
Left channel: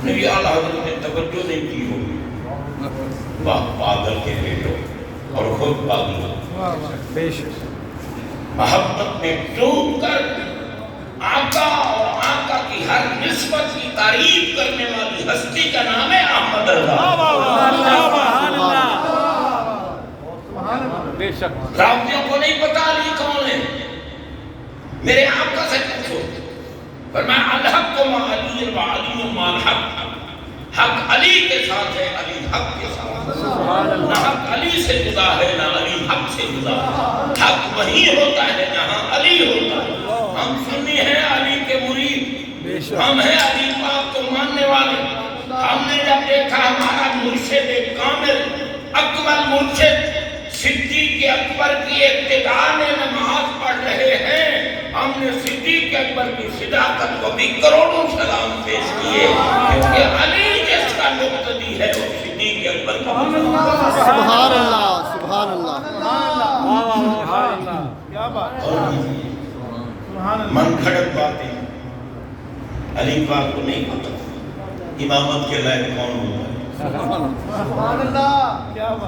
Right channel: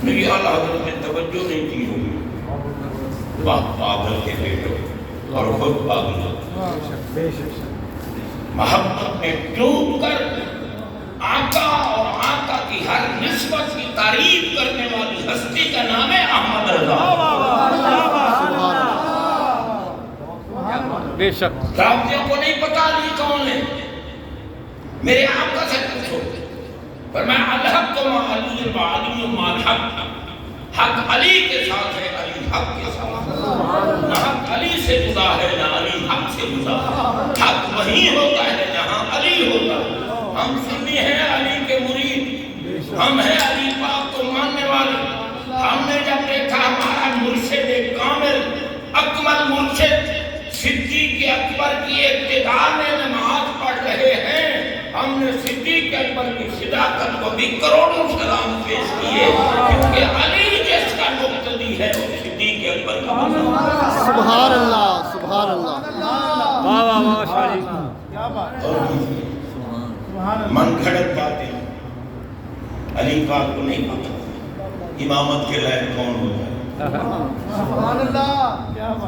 نبی اعلیٰ حضرت نے توجہ نہیں کی ہوگی، واہ پاگل کے بیٹو، اور خود پاگل ہو، محبت میں ڈوب کر آقا اور آقا کی ہر نسبت کی تعریف کرنے والی ہستی کا نام ہے احمد رضا۔ بے شک رابطیوں کو نہیں پتا علی کون ہے، میرے آقا سے پوچھو، فرمایا الحق ما علی و علی ما الحق، حق علی کے ساتھ ہے، علی حق کے ساتھ، نہ حق علی سے جدا ہے نہ علی حق سے جدا ہے، حق وہی ہوتا ہے جہاں علی ہوتا ہے۔ ہم سنی ہیں علی کے مرید، ہم ہیں علی پاک کو ماننے والے۔ ہم نے جب دیکھا ہمارا مرشد کامل اکمل مرشد صدیق اکبر کی ابتداء میں نماز پڑھ رہے ہیں، ہم نے صدیق اکبر کی صداقت کو بھی کروڑوں سلام پیش کیے، کیونکہ علی جس کا مقتدی ہے وہ صدیق اکبر کا مقتدی ہے۔ سبحان اللہ، سبحان اللہ۔ من کھڑک باتیں علی پاک کو نہیں پتا امامت کے لائق کون ہوتا ہے۔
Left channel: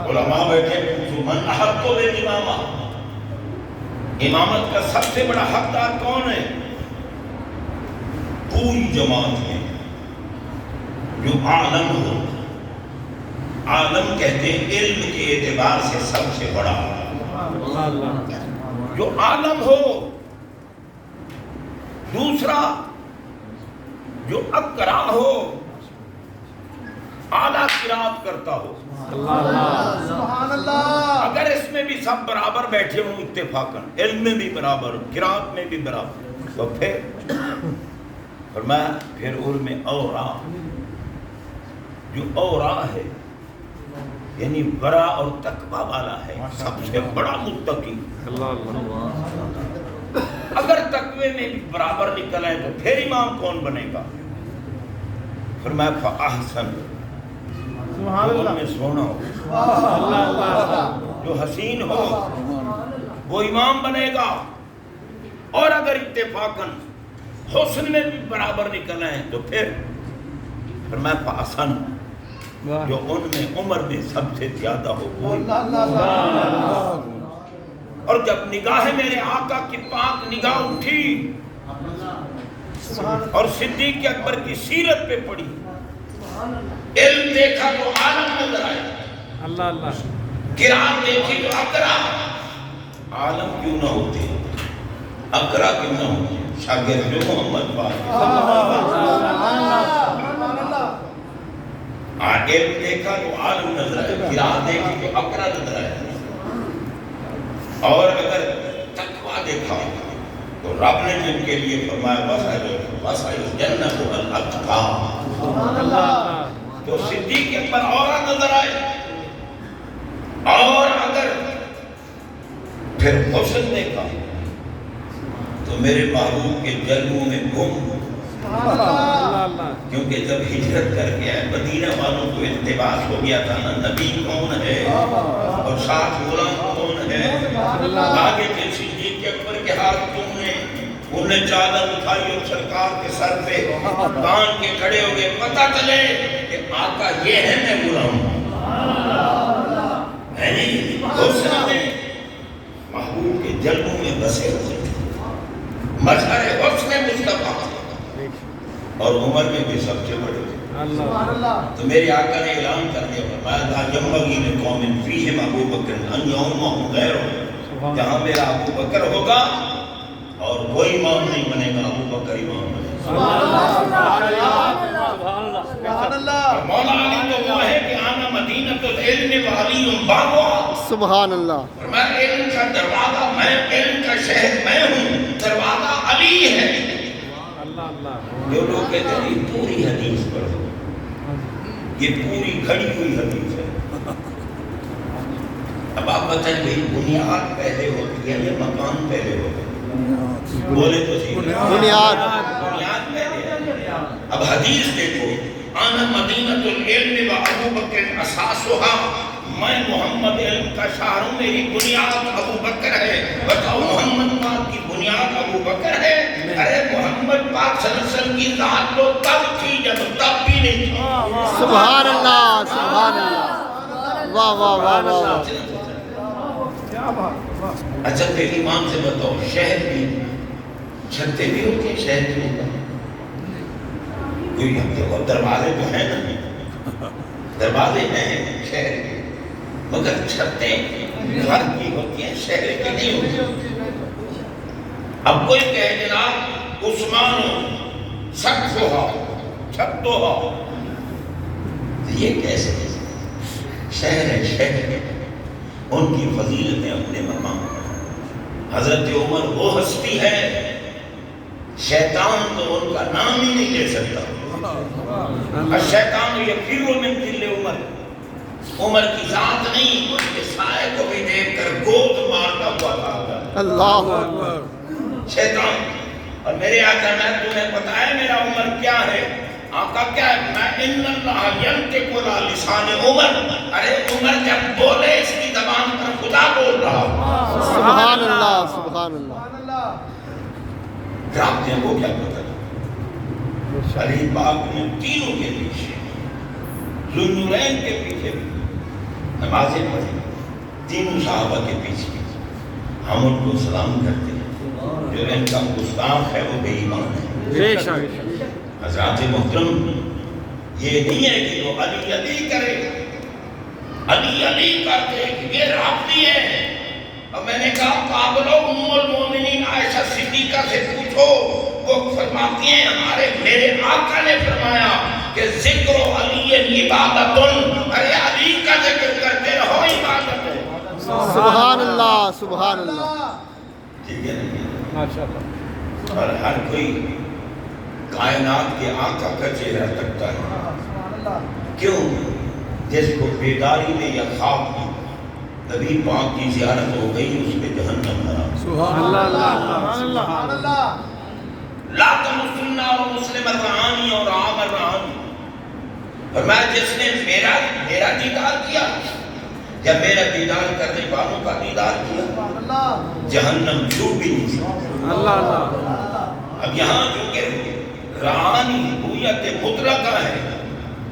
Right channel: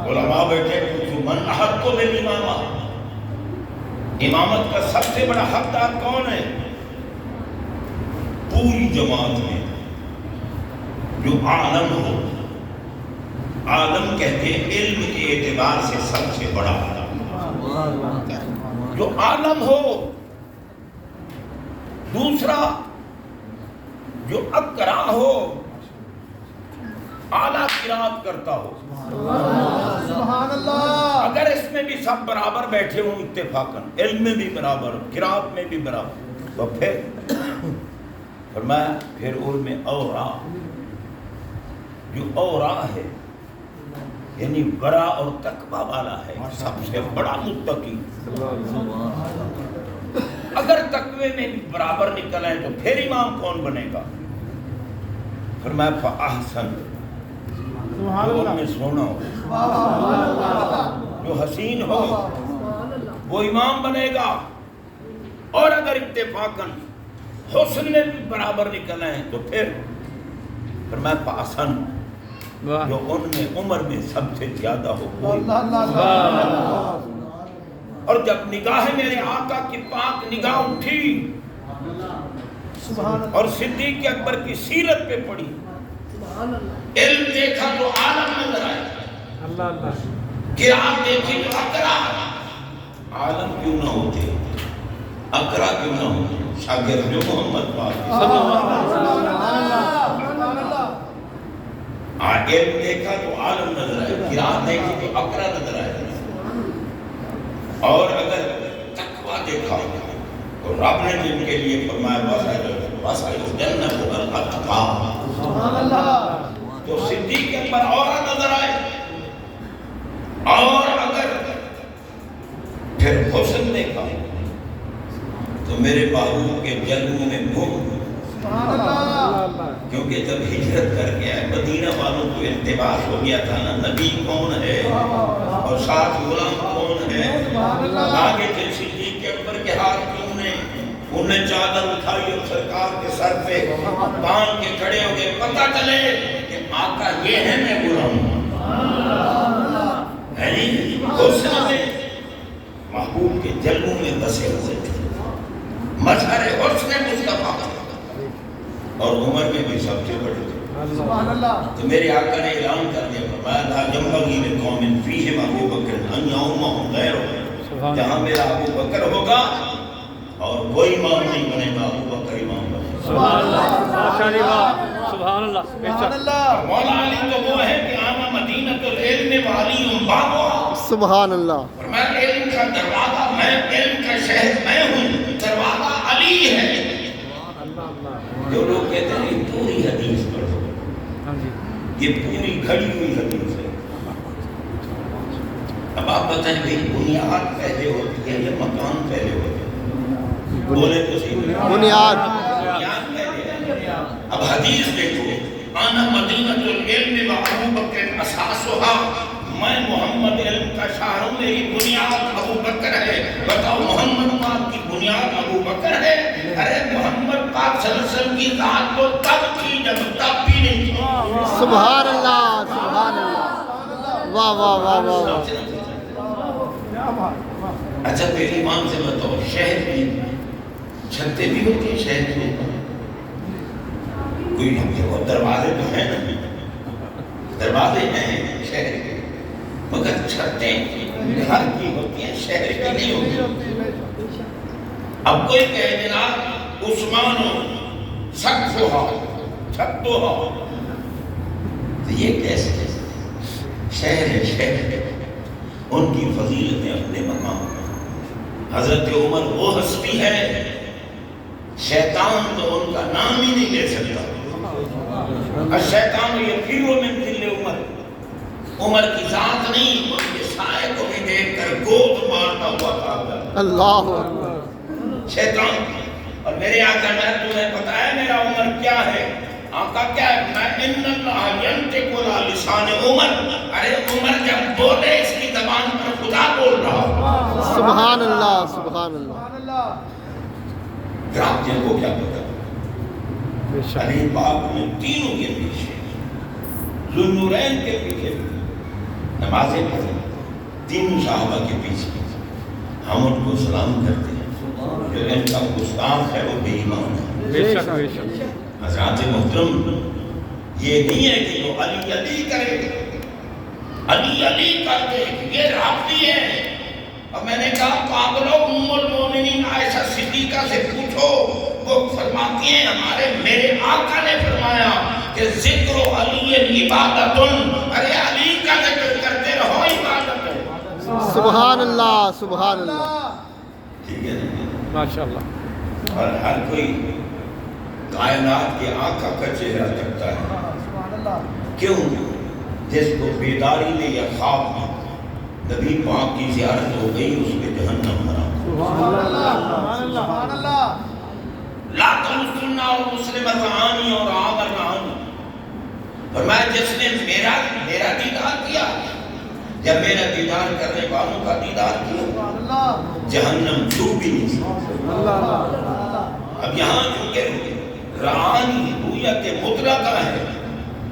علماء بیٹھے پوچھو من احق کو بے امامہ، امامت کا سب سے بڑا حقدار کون ہے؟ پوری جماعت میں جو عالم ہو، عالم کہتے ہیں علم کے اعتبار سے سب سے بڑا، جو عالم ہو۔ دوسرا جو اقرا ہو، اعلیٰ قرات کرتا ہو، اگر اس میں بھی سب برابر بیٹھے ہوں اتفاقاً، علم میں بھی برابر، قرات میں بھی برابر، تو پھر فرمایا پھر ان میں اورا، جو اورا ہے یعنی ورا اور تقوی والا ہے، سب سے بڑا متقی۔ اگر تقوی میں بھی برابر نکل آئے تو پھر امام کون بنے گا؟ فرمایا فاحسن، جو ان میں سونا ہو، جو حسین ہو وہ امام بنے گا، اور اگر اتفاقاً حسن میں بھی برابر نکل آئے تو پھر فرمایا فاحسن، جو ان میں عمر میں سب سے زیادہ ہو وہ امام۔ اور جب نگاہ میرے آقا کی پاک نگاہ اٹھی اور صدیق اکبر کی سیرت پہ پڑی، علم دیکھا تو عالم نظر آیا، قرات دیکھی تو اقرا، عالم کیوں نہ ہوتے، اقرا کیوں نہ ہوتے، شاگرد محمد پاک علم دیکھا تو عالم نظر آیا، قرات دیکھی تو اقرا نظر آیا، اور اگر تقوی دیکھا تو رب نے جن کے لیے فرمایا وَسَائِلُ جَنَّةُ الْأَقْفَى، تو صدیق اکبر اور نظر آئے، اور اگر پھر حسن دیکھا تو میرے محبوب کے جلووں میں گم، کیونکہ جب ہجرت کر کے آئے مدینہ والوں کو التباس ہو گیا تھا نا، نبی کون ہے اور ساتھ غلام کون ہے، آگے کے صدیق اکبر کے ہاتھ کیوں نے، انہوں نے چادر اٹھائی اور سرکار کے سر پہ کان کے کھڑے ہو گئے، پتہ چلے کہ آقا یہ ہے میں غلام ہوں، ہے نہیں حسن میں محبوب کے جلووں میں بسے ہوئے تھے، مظہر حسن مصطفیٰ، اور عمر میں بھی سب سے بڑے تھے۔ تو میرے آقا نے اعلان کر دیا فرمایا لا ينبغي لقوم فيهم ابو بکر ان يؤمهم غيره، جہاں میرا ابو بکر ہوگا اور کوئی امام نہیں بنے گا، ابو بکر امام بنے گا۔ اور مولا علی تو وہ ہے کہ آنا مدینہ العلم وعلی بابا، سبحان اللہ اور میں علم کا دروازہ، میں علم کا شہر میں ہوں، دروازہ علی ہے۔ جو لوگ کہتے ہیں یہ پوری حدیث پڑھو، یہ پوری کھڑی ہوئی حدیث ہے۔ اب آپ بتائیں بھئی بنیاد پہلے ہوتی ہے یا مکان پہلے ہوتا ہے؟ بولے تو صحیح، بنیاد بنیاد پہلے ہے۔ اب حدیث دیکھو، انا مدینۃ العلم و ابو بکر اساسھا، میں محمد علم کا شہر ہوں، میری بنیاد ابو بکر ہے۔ بتاؤ محمد پاک کی بنیاد ابو بکر ہے؟ ارے محمد پاک صلی اللہ علیہ وسلم کی ذات تو تب تھی جب تب بھی نہیں تھی۔ سبحان اللہ سبحان اللہ واہ واہ واہ واہ واہ اچھا تیری ایمان سے بتاؤ، شہر کی چھتیں بھی ہوتی ہیں شہر کے اوپر؟ کوئی دروازے تو ہیں نہیں، دروازے ہیں شہر کے، مگر چھتیں گھر کی ہوتی ہیں، شہر کی نہیں ہوتی۔ اب کوئی کہے جناب عثمانو سقفھا چھتھا، یہ کیسے؟ شہر ہے، شہر ہے، ان کی فضیلتیں اپنے مقام پر۔ حضرت عمر وہ ہستی ہے، شیطان تو ان کا نام ہی نہیں لے سکتا۔ الشیطان یفر من ظل عمر، عمر کی ذات نہیں، ان کے سائے کو بھی دیکھ کر گود مارتا ہوا بھاگتا اللہ اکبر شیطان۔ اور میرے آقا نے تمہیں بتایا میرا عمر کیا ہے؟ آقا کیا ہے؟ میں ان اللہ ینطق علی لسان عمر، ارے عمر جب بولے اس کی زبان پر خدا بول رہا۔ سبحان اللہ سبحان اللہ رابطے کو کیا پتا؟ علی باپ نے تینوں کے پیچھے، ذوالنورین کے پیچھے بھی نمازیں پڑھی، تینوں صحابہ کے پیچھے ہم ان کو سلام کرتے ہیں۔ جو ان کا گستاخ ہے وہ بے ایمان ہے۔ حضرات محترم، یہ نہیں ہے کہ وہ علی علی کرے، علی علی کرتے، یہ رابطی ہے۔ اور میں نے کہا پاگلو، ام المومنین عائشہ صدیقہ سے پوچھو، وہ فرماتی ہیں ہمارے میرے آقا نے فرمایا کہ ذکر علی عبادت، ارے علی کا ذکر کرتے رہو، عبادت ہے۔ سبحان اللہ سبحان اللہ ٹھیک ہے نا؟ ماشاءاللہ۔ اور ہر کوئی کائنات کے آقا کا چہرہ تکتا ہے، کیوں؟ جس کو بیداری میں یا خواب میں نبی پاک کی زیارت ہو گئی، اس پہ جہنم حرام۔ سبحان اللہ۔ لا تمسنا اور مسلم الرعانی اور عام الرعانی، اور میں جس نے میرا دیدار کیا، جب میرا دیدار کرنے والوں کا دیدار کیا، جہنم چھو بھی نہیں سکتا۔ اب یہاں چونکہ رعانی ہویت مطلقہ ہے،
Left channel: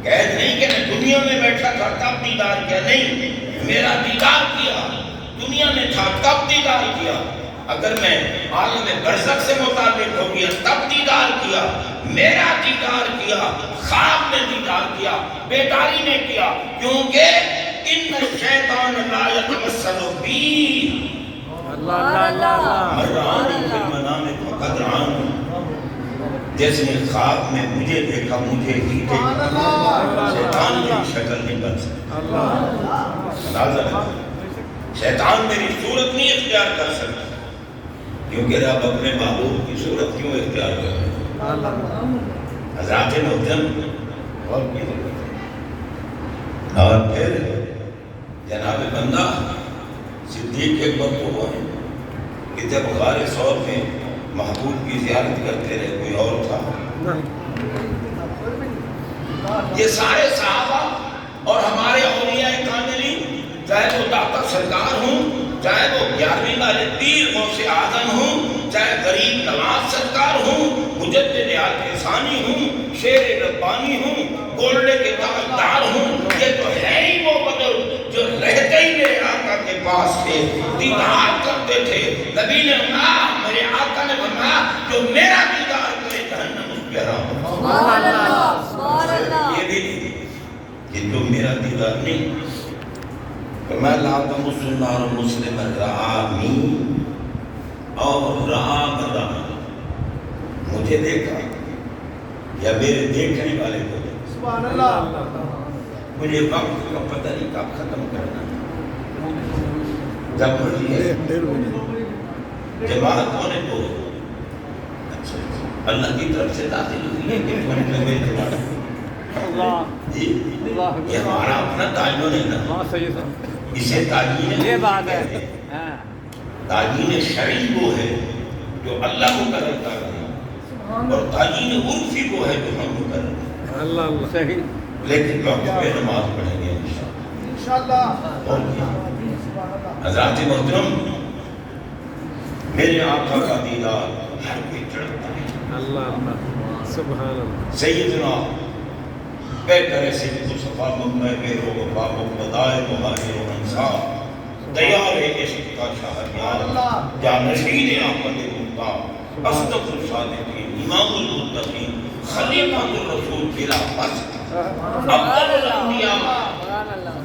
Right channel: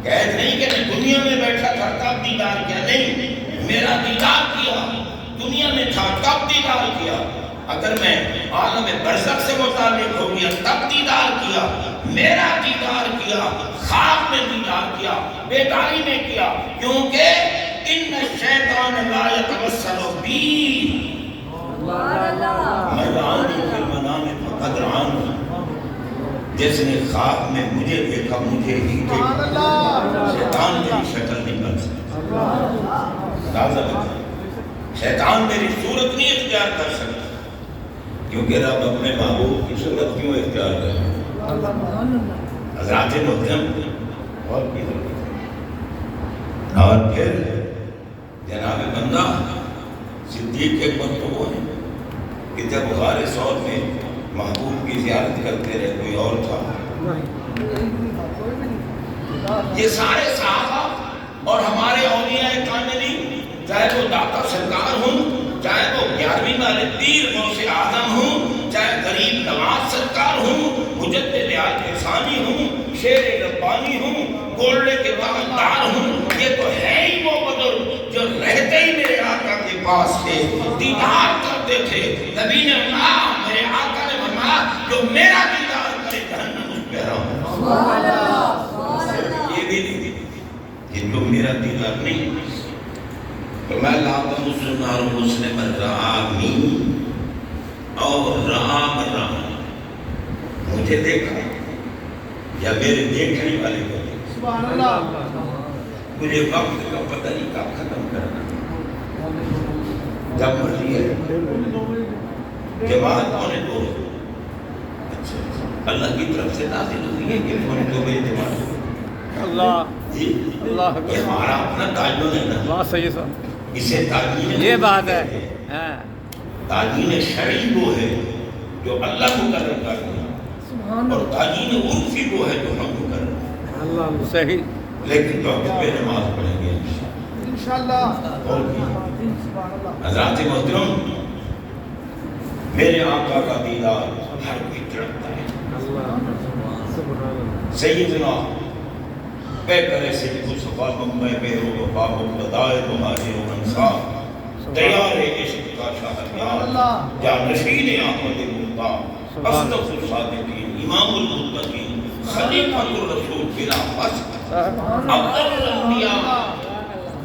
قید نہیں کہ میں دنیا میں بیٹھا تھا تب دیدار کیا، نہیں، میرا دیدار کیا، دنیا میں تھا تب دیدار کیا، اگر میں عالم برزخ سے متعلق ہو گیا تب دیدار کیا، میرا دیدار کیا، خواب میں دیدار کیا، بیداری میں کیا، کیونکہ ان الشیطان لا یتمثل بی مرانی فی المنام فقد رآنی، جس نے خواب میں مجھے دیکھا مجھے ہی دیکھا، شیطان میری شکل نہیں بن سکتا، اندازہ رکھیں، شیطان میری صورت نہیں اختیار کر سکتا، کیونکہ رب اپنے محبوب کی صورت کیوں اختیار کرے؟ حضرات محترم، اور کی ضرورت ہے۔ اور پھر جناب بندہ صدیق اکبر تو وہ ہے کہ جب غار ثور میں محبوب کی زیارت کرتے رہے، کوئی اور تھا؟ یہ سارے صحابہ اور ہمارے اولیاء کاملین، چاہے وہ داتا سرکار ہوں، چاہے وہ 11ویں والے پیر غوث اعظم ہوں، چاہے غریب نواز سرکار ہوں، مجدد عالم ثانی ہوں، شیر ربانی ہوں، گولڈے کے تاجدار ہوں، یہ تو ہے ہی وہ بزرگ جو رہتے ہی میرے آقا کے پاس تھے، دیدار کرتے تھے۔ نبی نے کہا، میرے آقا نے فرمایا جو میرا دیدار کرے جہنم اس پہ حرام ہو۔ یہ بھی نہیں کہ جو میرا دیدار نہیں، میں لاتا مسلم اور مسلم رعامی اور رعام رعامی، مجھے دیکھا یا میرے دیکھنے والے کو دیکھا، مجھے وقت کا پتہ نہیں کب ختم کرنا، جب مرضی ہے جماعت ہونے دو اللہ کی طرف سے نازل ہوئی ہے کہ ہونے دو میری جماعت اللہ جی اللہ یہ ہمارا اپنا تعین ہے نا بات صحیح صاحب اسے تعین یہ بات ہے ہاں تعین شرعی وہ ہے جو اللہ مقرر کر رہے ہیں اور تعین عرفی وہ ہے جو ہم مقرر کرتے ہیں اللہ صحیح لیکن وقت پہ نماز پڑھیں گے انشاءاللہ اور حضرات محترم میرے آقا کا دیدار ہر کوئی تڑپتا ہے سیدنا بہتر صدق و صفا ممبئی بہر و وفا و بدائے مہاجر و انصار دیار عشق کا شہریار جانشین احمد مختار اصدق الصادقین امام المتقین خلیفۃ الرسول بلا فصل افضل الانبیاء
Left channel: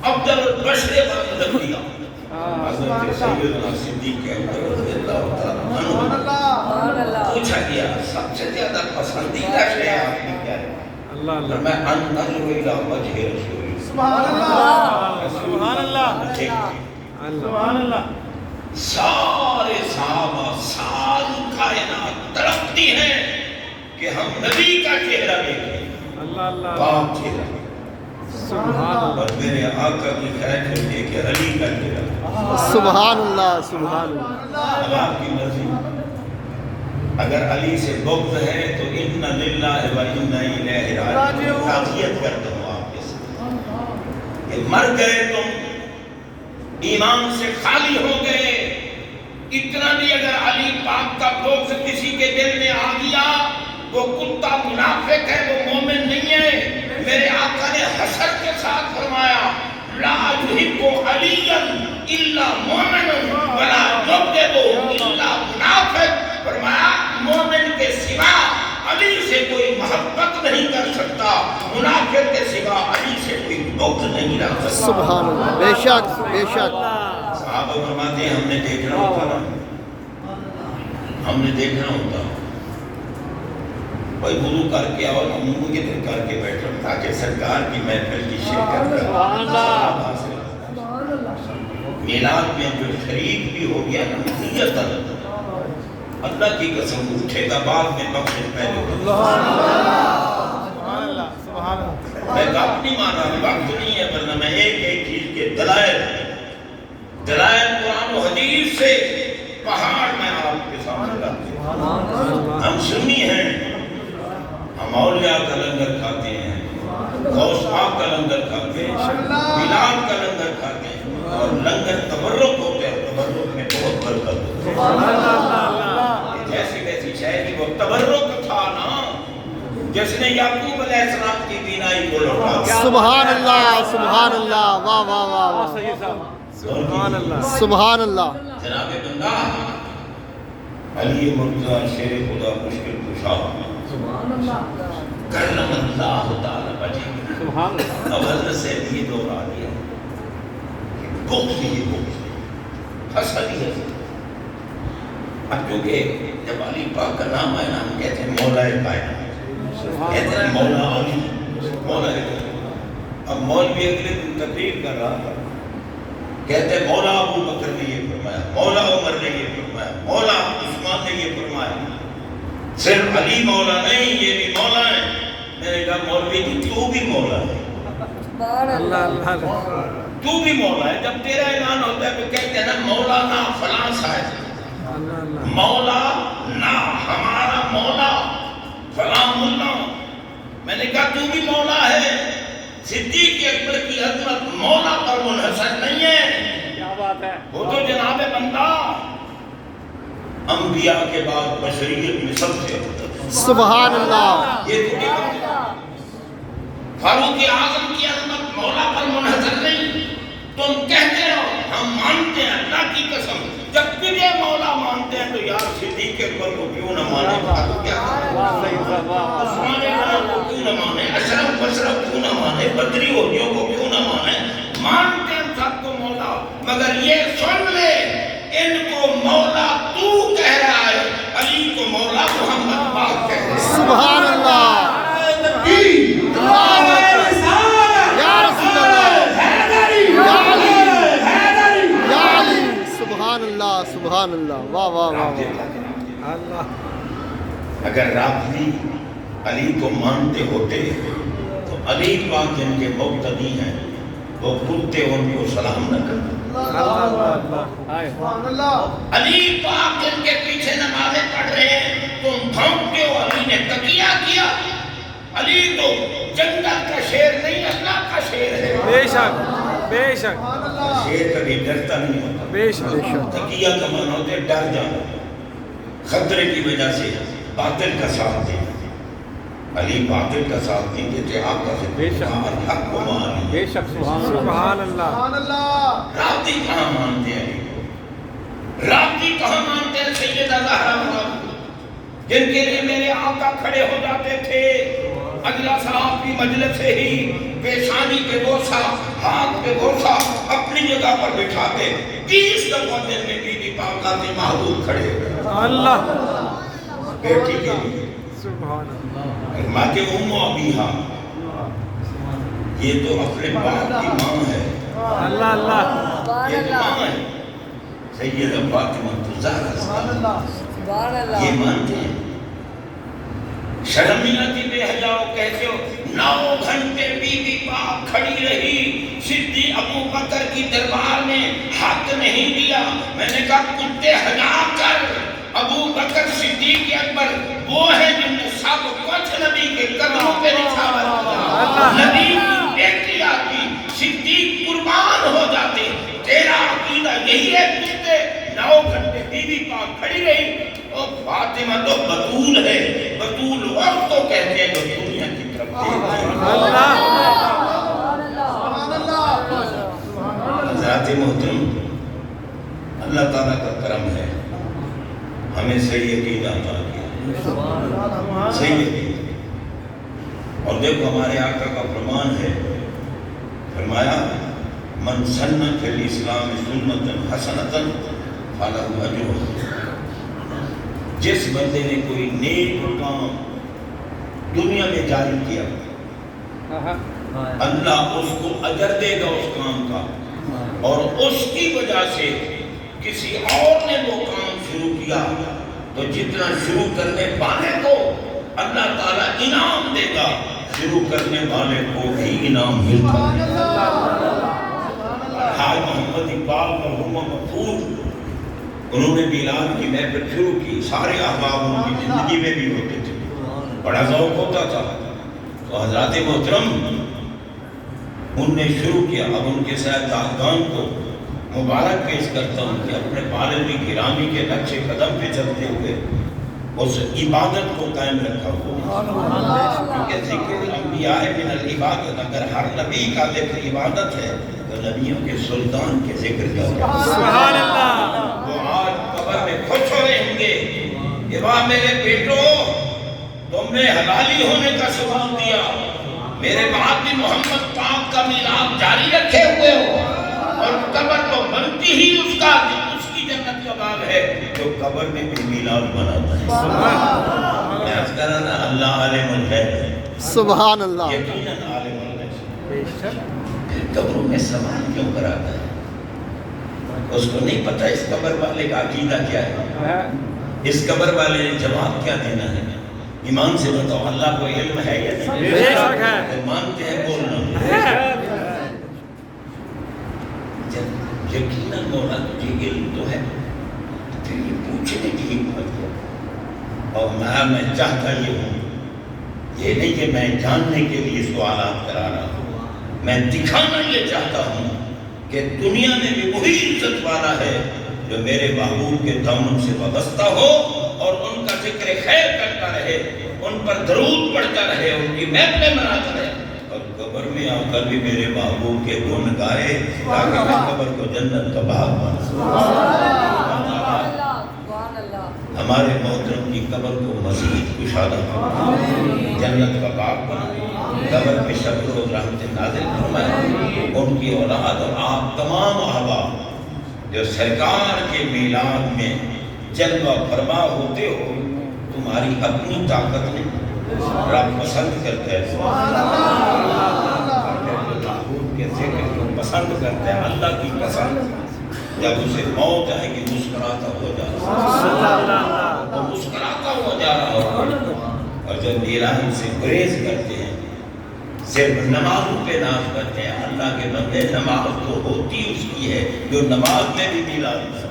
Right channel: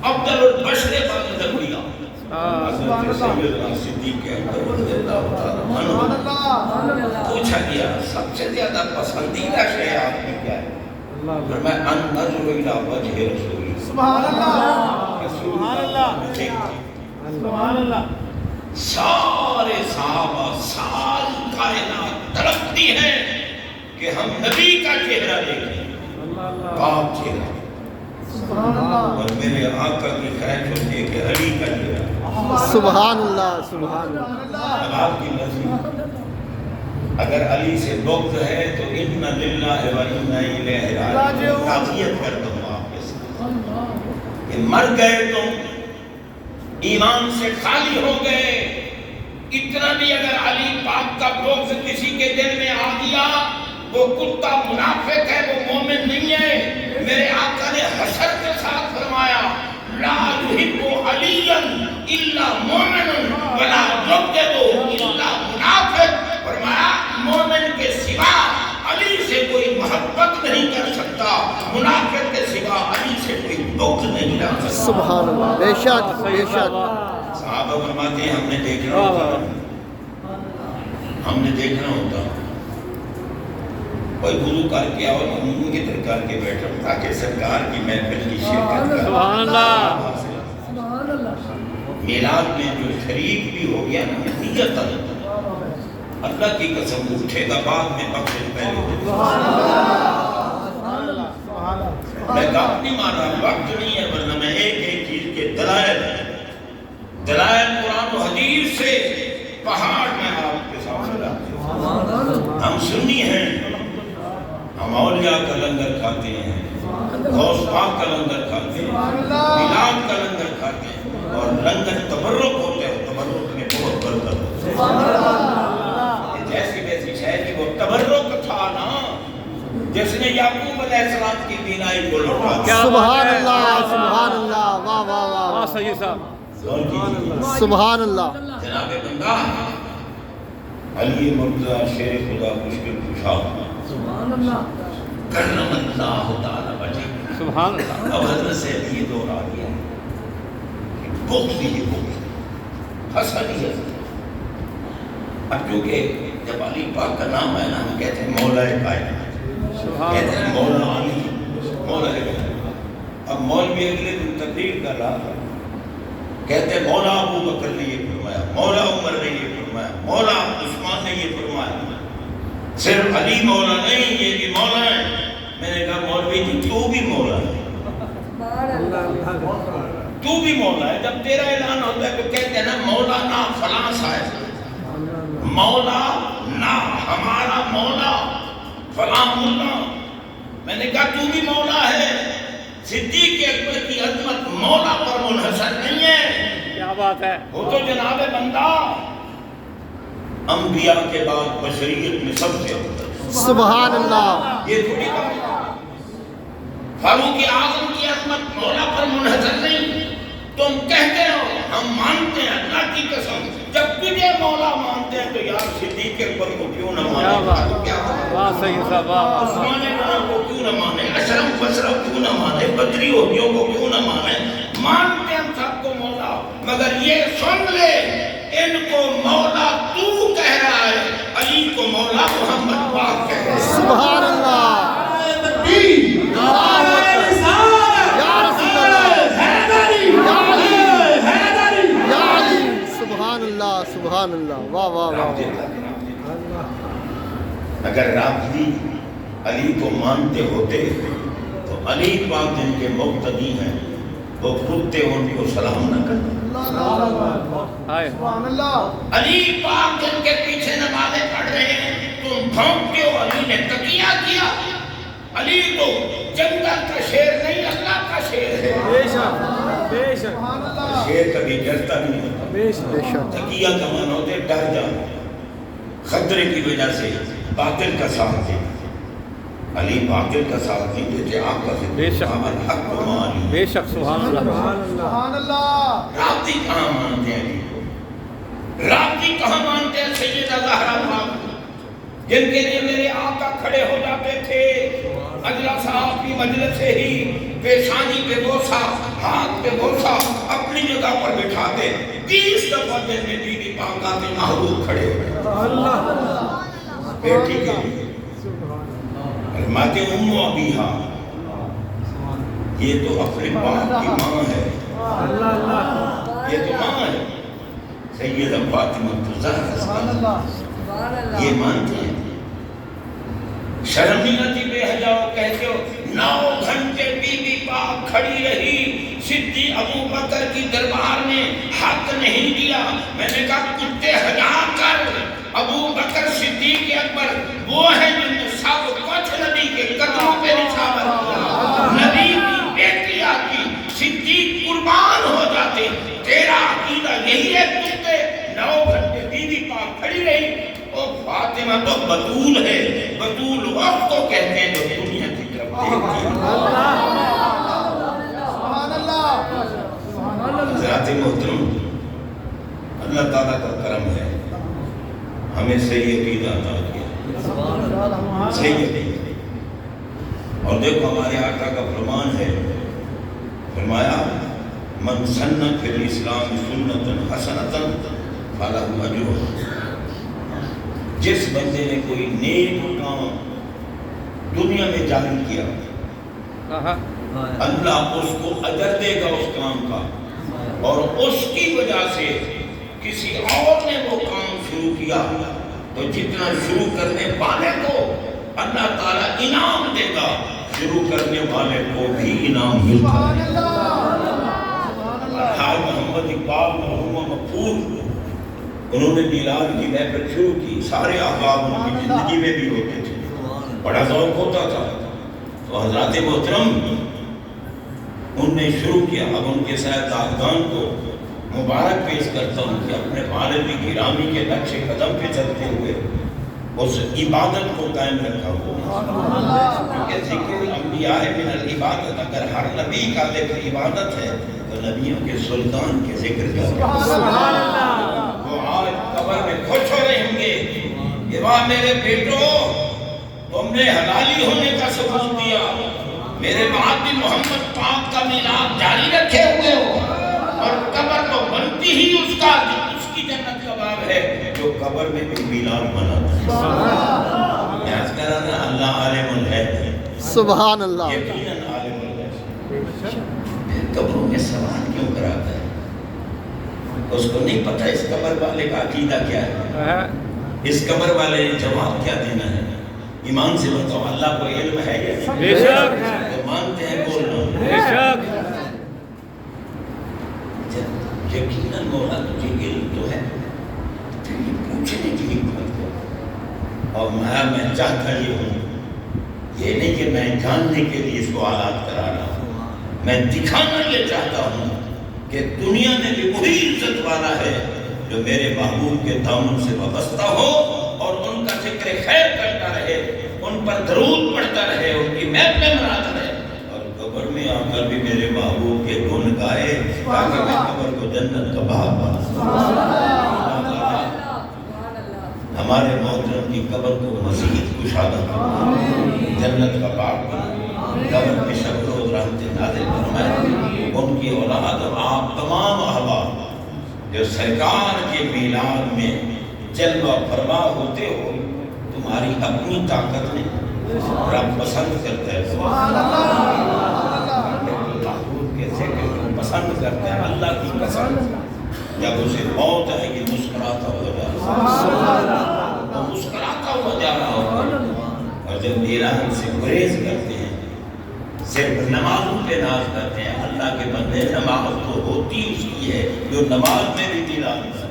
افضل البشر بعد الانبیاء حضرت سیدنا صدیق اکبر رضی اللہ تعالیٰ عنہ پوچھا گیا سب سے زیادہ پسندیدہ شے آپ کی کیا ہے میں انظر الی وجہ رسول سبحان اللہ سارے صحابہ ساری کائنات تڑپتی ہیں کہ ہم نبی کا چہرہ دیکھیں پاک چہرہ اور میرے آقا کی خیر ہوتی ہے کہ علی کا چہرہ سبحان اللہ سبحان اللہ اب آپ کی مرضی اگر علی سے بغض ہے تو انا للہ و انا الیہ راجعون تعزیت کرتا ہوں آپ کے ساتھ کہ مر گئے تم ایمان سے خالی ہو گئے اتنا بھی اگر علی پاک کا بغض کسی کے دل میں آ گیا وہ کتا منافق ہے وہ مومن نہیں ہے میرے آقا نے حسد کے ساتھ فرمایا لا يحب علیا الا مومن ولا يبغض الا منافق فرمایا مومن کے سوا علی سے کوئی محبت نہیں کر سکتا منافق کے سوا علی سے کوئی بغض نہیں رکھ سکتا سبحان اللہ بے شک بے شک صحابہ فرماتے ہیں ہم نے دیکھنا ہوتا نا ہم نے دیکھنا ہوتا کوئی وضو کر کے اور منہ کی طرح کر کے بیٹھا تاکہ سرکار کی محفل کی شرکت کرے سبحان اللہ میلاد میں جو شریک بھی ہو گیا نا نیت اللہ کی قسم اٹھے گا بعد میں بخشش پہلے میں بات نہیں مان رہا وقت نہیں ہے ورنہ میں ایک ایک چیز کے دلائل قرآن و حدیث سے پہاڑ میں آپ کے سامنے لاتے ہیں ہم سنی ہیں ہم اولیاء کا لنگر کھاتے ہیں غوث پاک کا لنگر کھاتے ہیں میلاد کا لنگر کھاتے ہیں اور لنگر تبرک ہوتے ہیں تبرک میں بہت برکت ہوتی ہے جیسی ویسی شاید وہ تبرک تھا نا جس نے یعقوب علیہ السلام کی بینائی کو لوٹا دیا سبحان اللہ واہ واہ واہ واہ صحیح صاحب سبحان اللہ جناب بندہ علی مرتضی شیر خدا مشکل کشا کرم اللہ تعالی وجہ سبحان اللہ اب حضرت سے یہ دور آ گیا بغض ہی بغض حسد ہی حسد اب کیونکہ جب علی پاک کا نام ہے نا ہم کہتے ہیں مولا کائنات کہتے ہیں مولا علی مولا علی اب مولوی اگلے دن تقریر کر رہا تھا کہتے ہیں مولا ابو بکر نے یہ فرمایا مولا عمر نے یہ فرمایا مولا عثمان نے یہ فرمایا صرف علی مولا نہیں یہ بھی مولا ہے میں نے کہا مولوی جی تو بھی مولا ہے تو بھی مولا ہے جب تیرا اعلان ہوتا ہے تو کہتے ہیں نا مولانا فلاں صاحب مولا نا ہمارا مولا فلاں ملا میں نے کہا تو بھی مولا ہے صدیق اکبر کی عظمت مولا پر منحصر نہیں ہے کیا بات ہے وہ تو جناب بندہ انبیاء کے بعد بشریت میں سب سے افضل سبحان اللہ یہ تھوڑی بات فاروق اعظم کی عظمت مولا پر منحصر نہیں تم کہتے ہو ہم مانتے ہیں اللہ کی قسم جب تجھے مولا مانتے ہیں تو یار صدیق اکبر کو کیوں نہ مانے کیا بات صحیح صاحب عثمان غنی کو کیوں نہ مانے اشرف بشرف کیوں نہ مانے بدری ہوگیوں کو کیوں نہ مانے مانتے ہیں سب کو مولا مگر یہ سن لے ان کو مولا تو کہہ رہا ہے علی کو مولا محمد پاک کہہ رہا ہے سبحان اللہ اللہ اکبر یا رسول اللہ یا علی سبحان اللہ سبحان اللہ واہ واہ واہ رابطے واہ تک اگر رابطی علی کو مانتے ہوتے تو علی پاک جن کے مقتدی ہیں وہ کتے ان کو سلام نہ کرتے. علی پاک جن کے پیچھے نمازیں پڑھ رہے ہیں تم بھونکتے ہو علی نے تقیہ کیا. علی تو جنت کا شیر نہیں اللہ کا شیر ہے. بے شک بے شک شیر کبھی ڈرتا نہیں ہوتا. بے شک تقیہ کا معنی ہوتا ہے ڈر جانا خطرے کی وجہ سے باطل کا ساتھ دے. علی باطل کا ساتھ نہیں دیتے آپ کا بے شک. حق کو مان. بے شک سبحان اللہ. رابطی کہاں مانتے ہیں علی کو؟ رابطی کہاں مانتے ہیں سیدہ زہرا ماں جن کے لیے میرے آقا کھڑے ہو جاتے تھے اجلا صاحب کی مجلس سے ہی پیشانی پہ بوسا ہاتھ پہ بوسا اپنی جگہ پر بٹھاتے 30 دفعہ دن میں بیوی پاکہ کے محبوب کھڑے ہو اللہ بیٹی کے لیے فرماتے ام ابیہا یہ تو اپنے باپ کی ماں ہے. اللہ اللہ یہ تو ماں ہے سیدہ فاطمہ زہرا یہ مانتے ہیں. شرم نہیں آتی بے حجاؤ کہتے ہو 9 گھنٹے بی بی پاک کھڑی رہی صدیق ابو بکر کی دربار میں حق نہیں دیا. میں نے کہا کتے ہجا کر ابو بکر صدیق اکبر وہ ہیں جن نے سب کچھ نبی کے قدموں پہ نچھاور کیا. نبی کی بیٹی آتی صدیق قربان ہو جاتے. تیرا عقیدہ یہی ہے کتے 9 گھنٹے بی بی پاک کھڑی رہی. اور فاطمہ تو بطول ہے. بطول وقت کو کہتے ہیں جو دنیا کی طرف دیکھتی ہے. حضرات محترم اللہ تعالیٰ کا کرم ہے ہمیں صحیح عقیدہ عطا کیا. صحیح عقیدہ. اور دیکھو ہمارے آقا کا فرمان ہے فرمایا من سن فی الاسلام سنۃ حسنۃ فلہ اجرہ. جس بندے نے کوئی نیک کام دنیا میں جاری کیا اللہ اس کو اجر دے گا اس کام کا. اور اس کی وجہ سے کسی اور نے وہ کام شروع کیا تو جتنا شروع کرنے والے کو اللہ تعالیٰ انعام دے گا شروع کرنے والے کو بھی انعام ملتا ہے. حاج محمد اقبال مرحوم مغفور انہوں نے میلاد کی محفل شروع کی. سارے احباب ان کی زندگی میں بھی ہوتے تھے بڑا ذوق ہوتا تھا. تو حضرات محترم ان نے شروع کیا. اب ان کے سرکردگان کو مبارک پیش کرتا ہوں کہ اپنے والد گرامی کے نقش قدم پہ چلتے ہوئے اس عبادت کو قائم رکھا ہوا. کیونکہ ذکر الانبیاء من العبادت اگر ہر نبی کا ذکر عبادت ہے تو نبیوں کے سلطان کے ذکر کا سبحان اللہ. وہ آج قبر میں خوش ہو رہیں گے کہ واہ میرے بیٹو تم نے حلالی ہونے کا ثبوت دیا. میرے بعد بھی محمد پاک کا میلاد جاری رکھے ہوئے ہو اور قبر تو بنتی ہی اس کی جنت کا باب ہے جو قبر میں بھی میلاد مناتا ہے. میں عرض کر رہا نا اللہ عالم ہے سبحان اللہ. یقیناً عالم ہے. قبروں میں سوال کیوں کراتا ہے؟ اس کو نہیں پتہ اس قبر والے کا عقیدہ کیا ہے. اس قبر والے نے جواب کیا دینا ہے. ایمان سے بتاؤ اللہ کو علم ہے یا نہیں؟ تو مانتے ہیں بولنا یقیناً مولا تجھے علم تو ہے پھر یہ پوچھنے کی بات ہے. اور میں چاہتا یہ ہوں یہ نہیں کہ میں جاننے کے لیے سوالات کرا رہا ہوں. میں دکھانا یہ چاہتا ہوں کہ دنیا میں بھی وہی عزت والا ہے جو میرے محبوب کے دامن سے وابستہ ہو اور ان کا ذکر خیر کرتا رہے ان پر درود پڑھتا رہے ان کی محفلیں مناتا رہے اور قبر میں آ کر بھی میرے محبوب کے گن گائے تاکہ میں قبر کو جنت کا باغ بنا. ہمارے محترم کی قبر کو مزید کشادہ کرنا جنت کا باغ بنا. قبر میں شب روز رحمت نازل فرمائے. ان کی اولاد اور آپ تمام احباب جو سرکار کے میلاد میں جلوہ فرما ہوتے ہو تمہاری اپنی طاقت نہیں رب پسند کرتا ہے. محبوب کے ذکر کو پسند کرتے ہیں. اللہ کی قسم جب اسے موت آئے گی جب الہی سے گریز کرتے ہیں، صرف نمازوں پہ ناز کرتے ہیں. اللہ کے بندے نماز تو ہوتی اس کی ہے جو نماز میں بھی دل آتا ہے.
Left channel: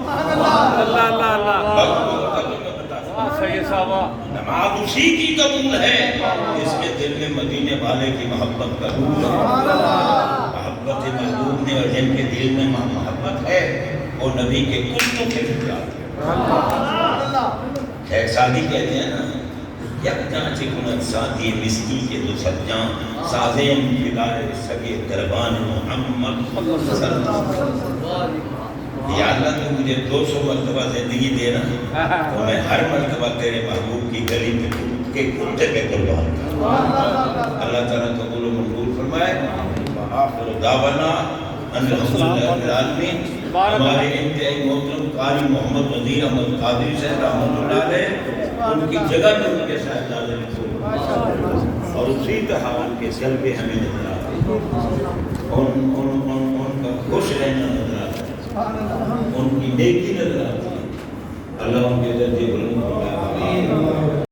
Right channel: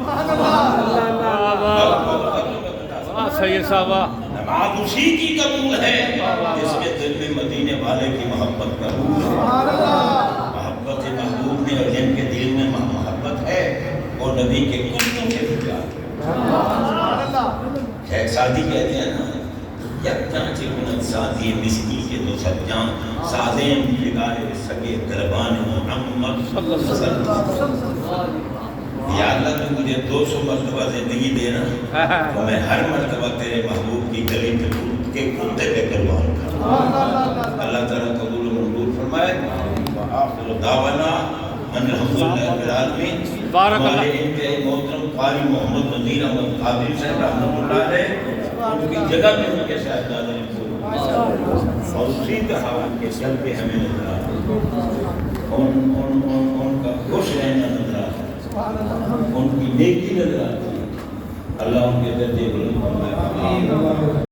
صحیح صاحب. نماز اسی کی قبول ہے جس کے دل میں مدینے والے کی محبت کا روح ہے، محبت محبوب میں، اور جن کے دل میں محبت ہے وہ نبی کے کتوں کے فجات. شیخ سعدی کہتے ہیں نا، یکتاں چکن ساتھی مسکی کے دو سجاں سازیں بگاڑے سگے دربان محمد صلی اللہ علیہ وسلم. یا اللہ تو مجھے 200 مرتبہ زندگی دینا تو میں ہر مرتبہ تیرے محبوب کی گلی پہ کے کتے پہ قربان کروں. اللہ تعالیٰ قبول و منظور فرمائے. وآخر دعوانا ان الحمدللہ رب العالمین. ہمارے انتہائی محترم قاری محمد وزیر احمد قادری صاحب رحمۃ اللہ علیہ، ان کی جگہ پہ ان کے صاحبزادے نے اور اسی طرح ان کے جلوے ہمیں نظر آتے ہیں، ان کا خوش رہنا نظر آتا ہے، ان کی نیکی نظر آتی ہے. اللہ ان کے درجے بلند فرمائے.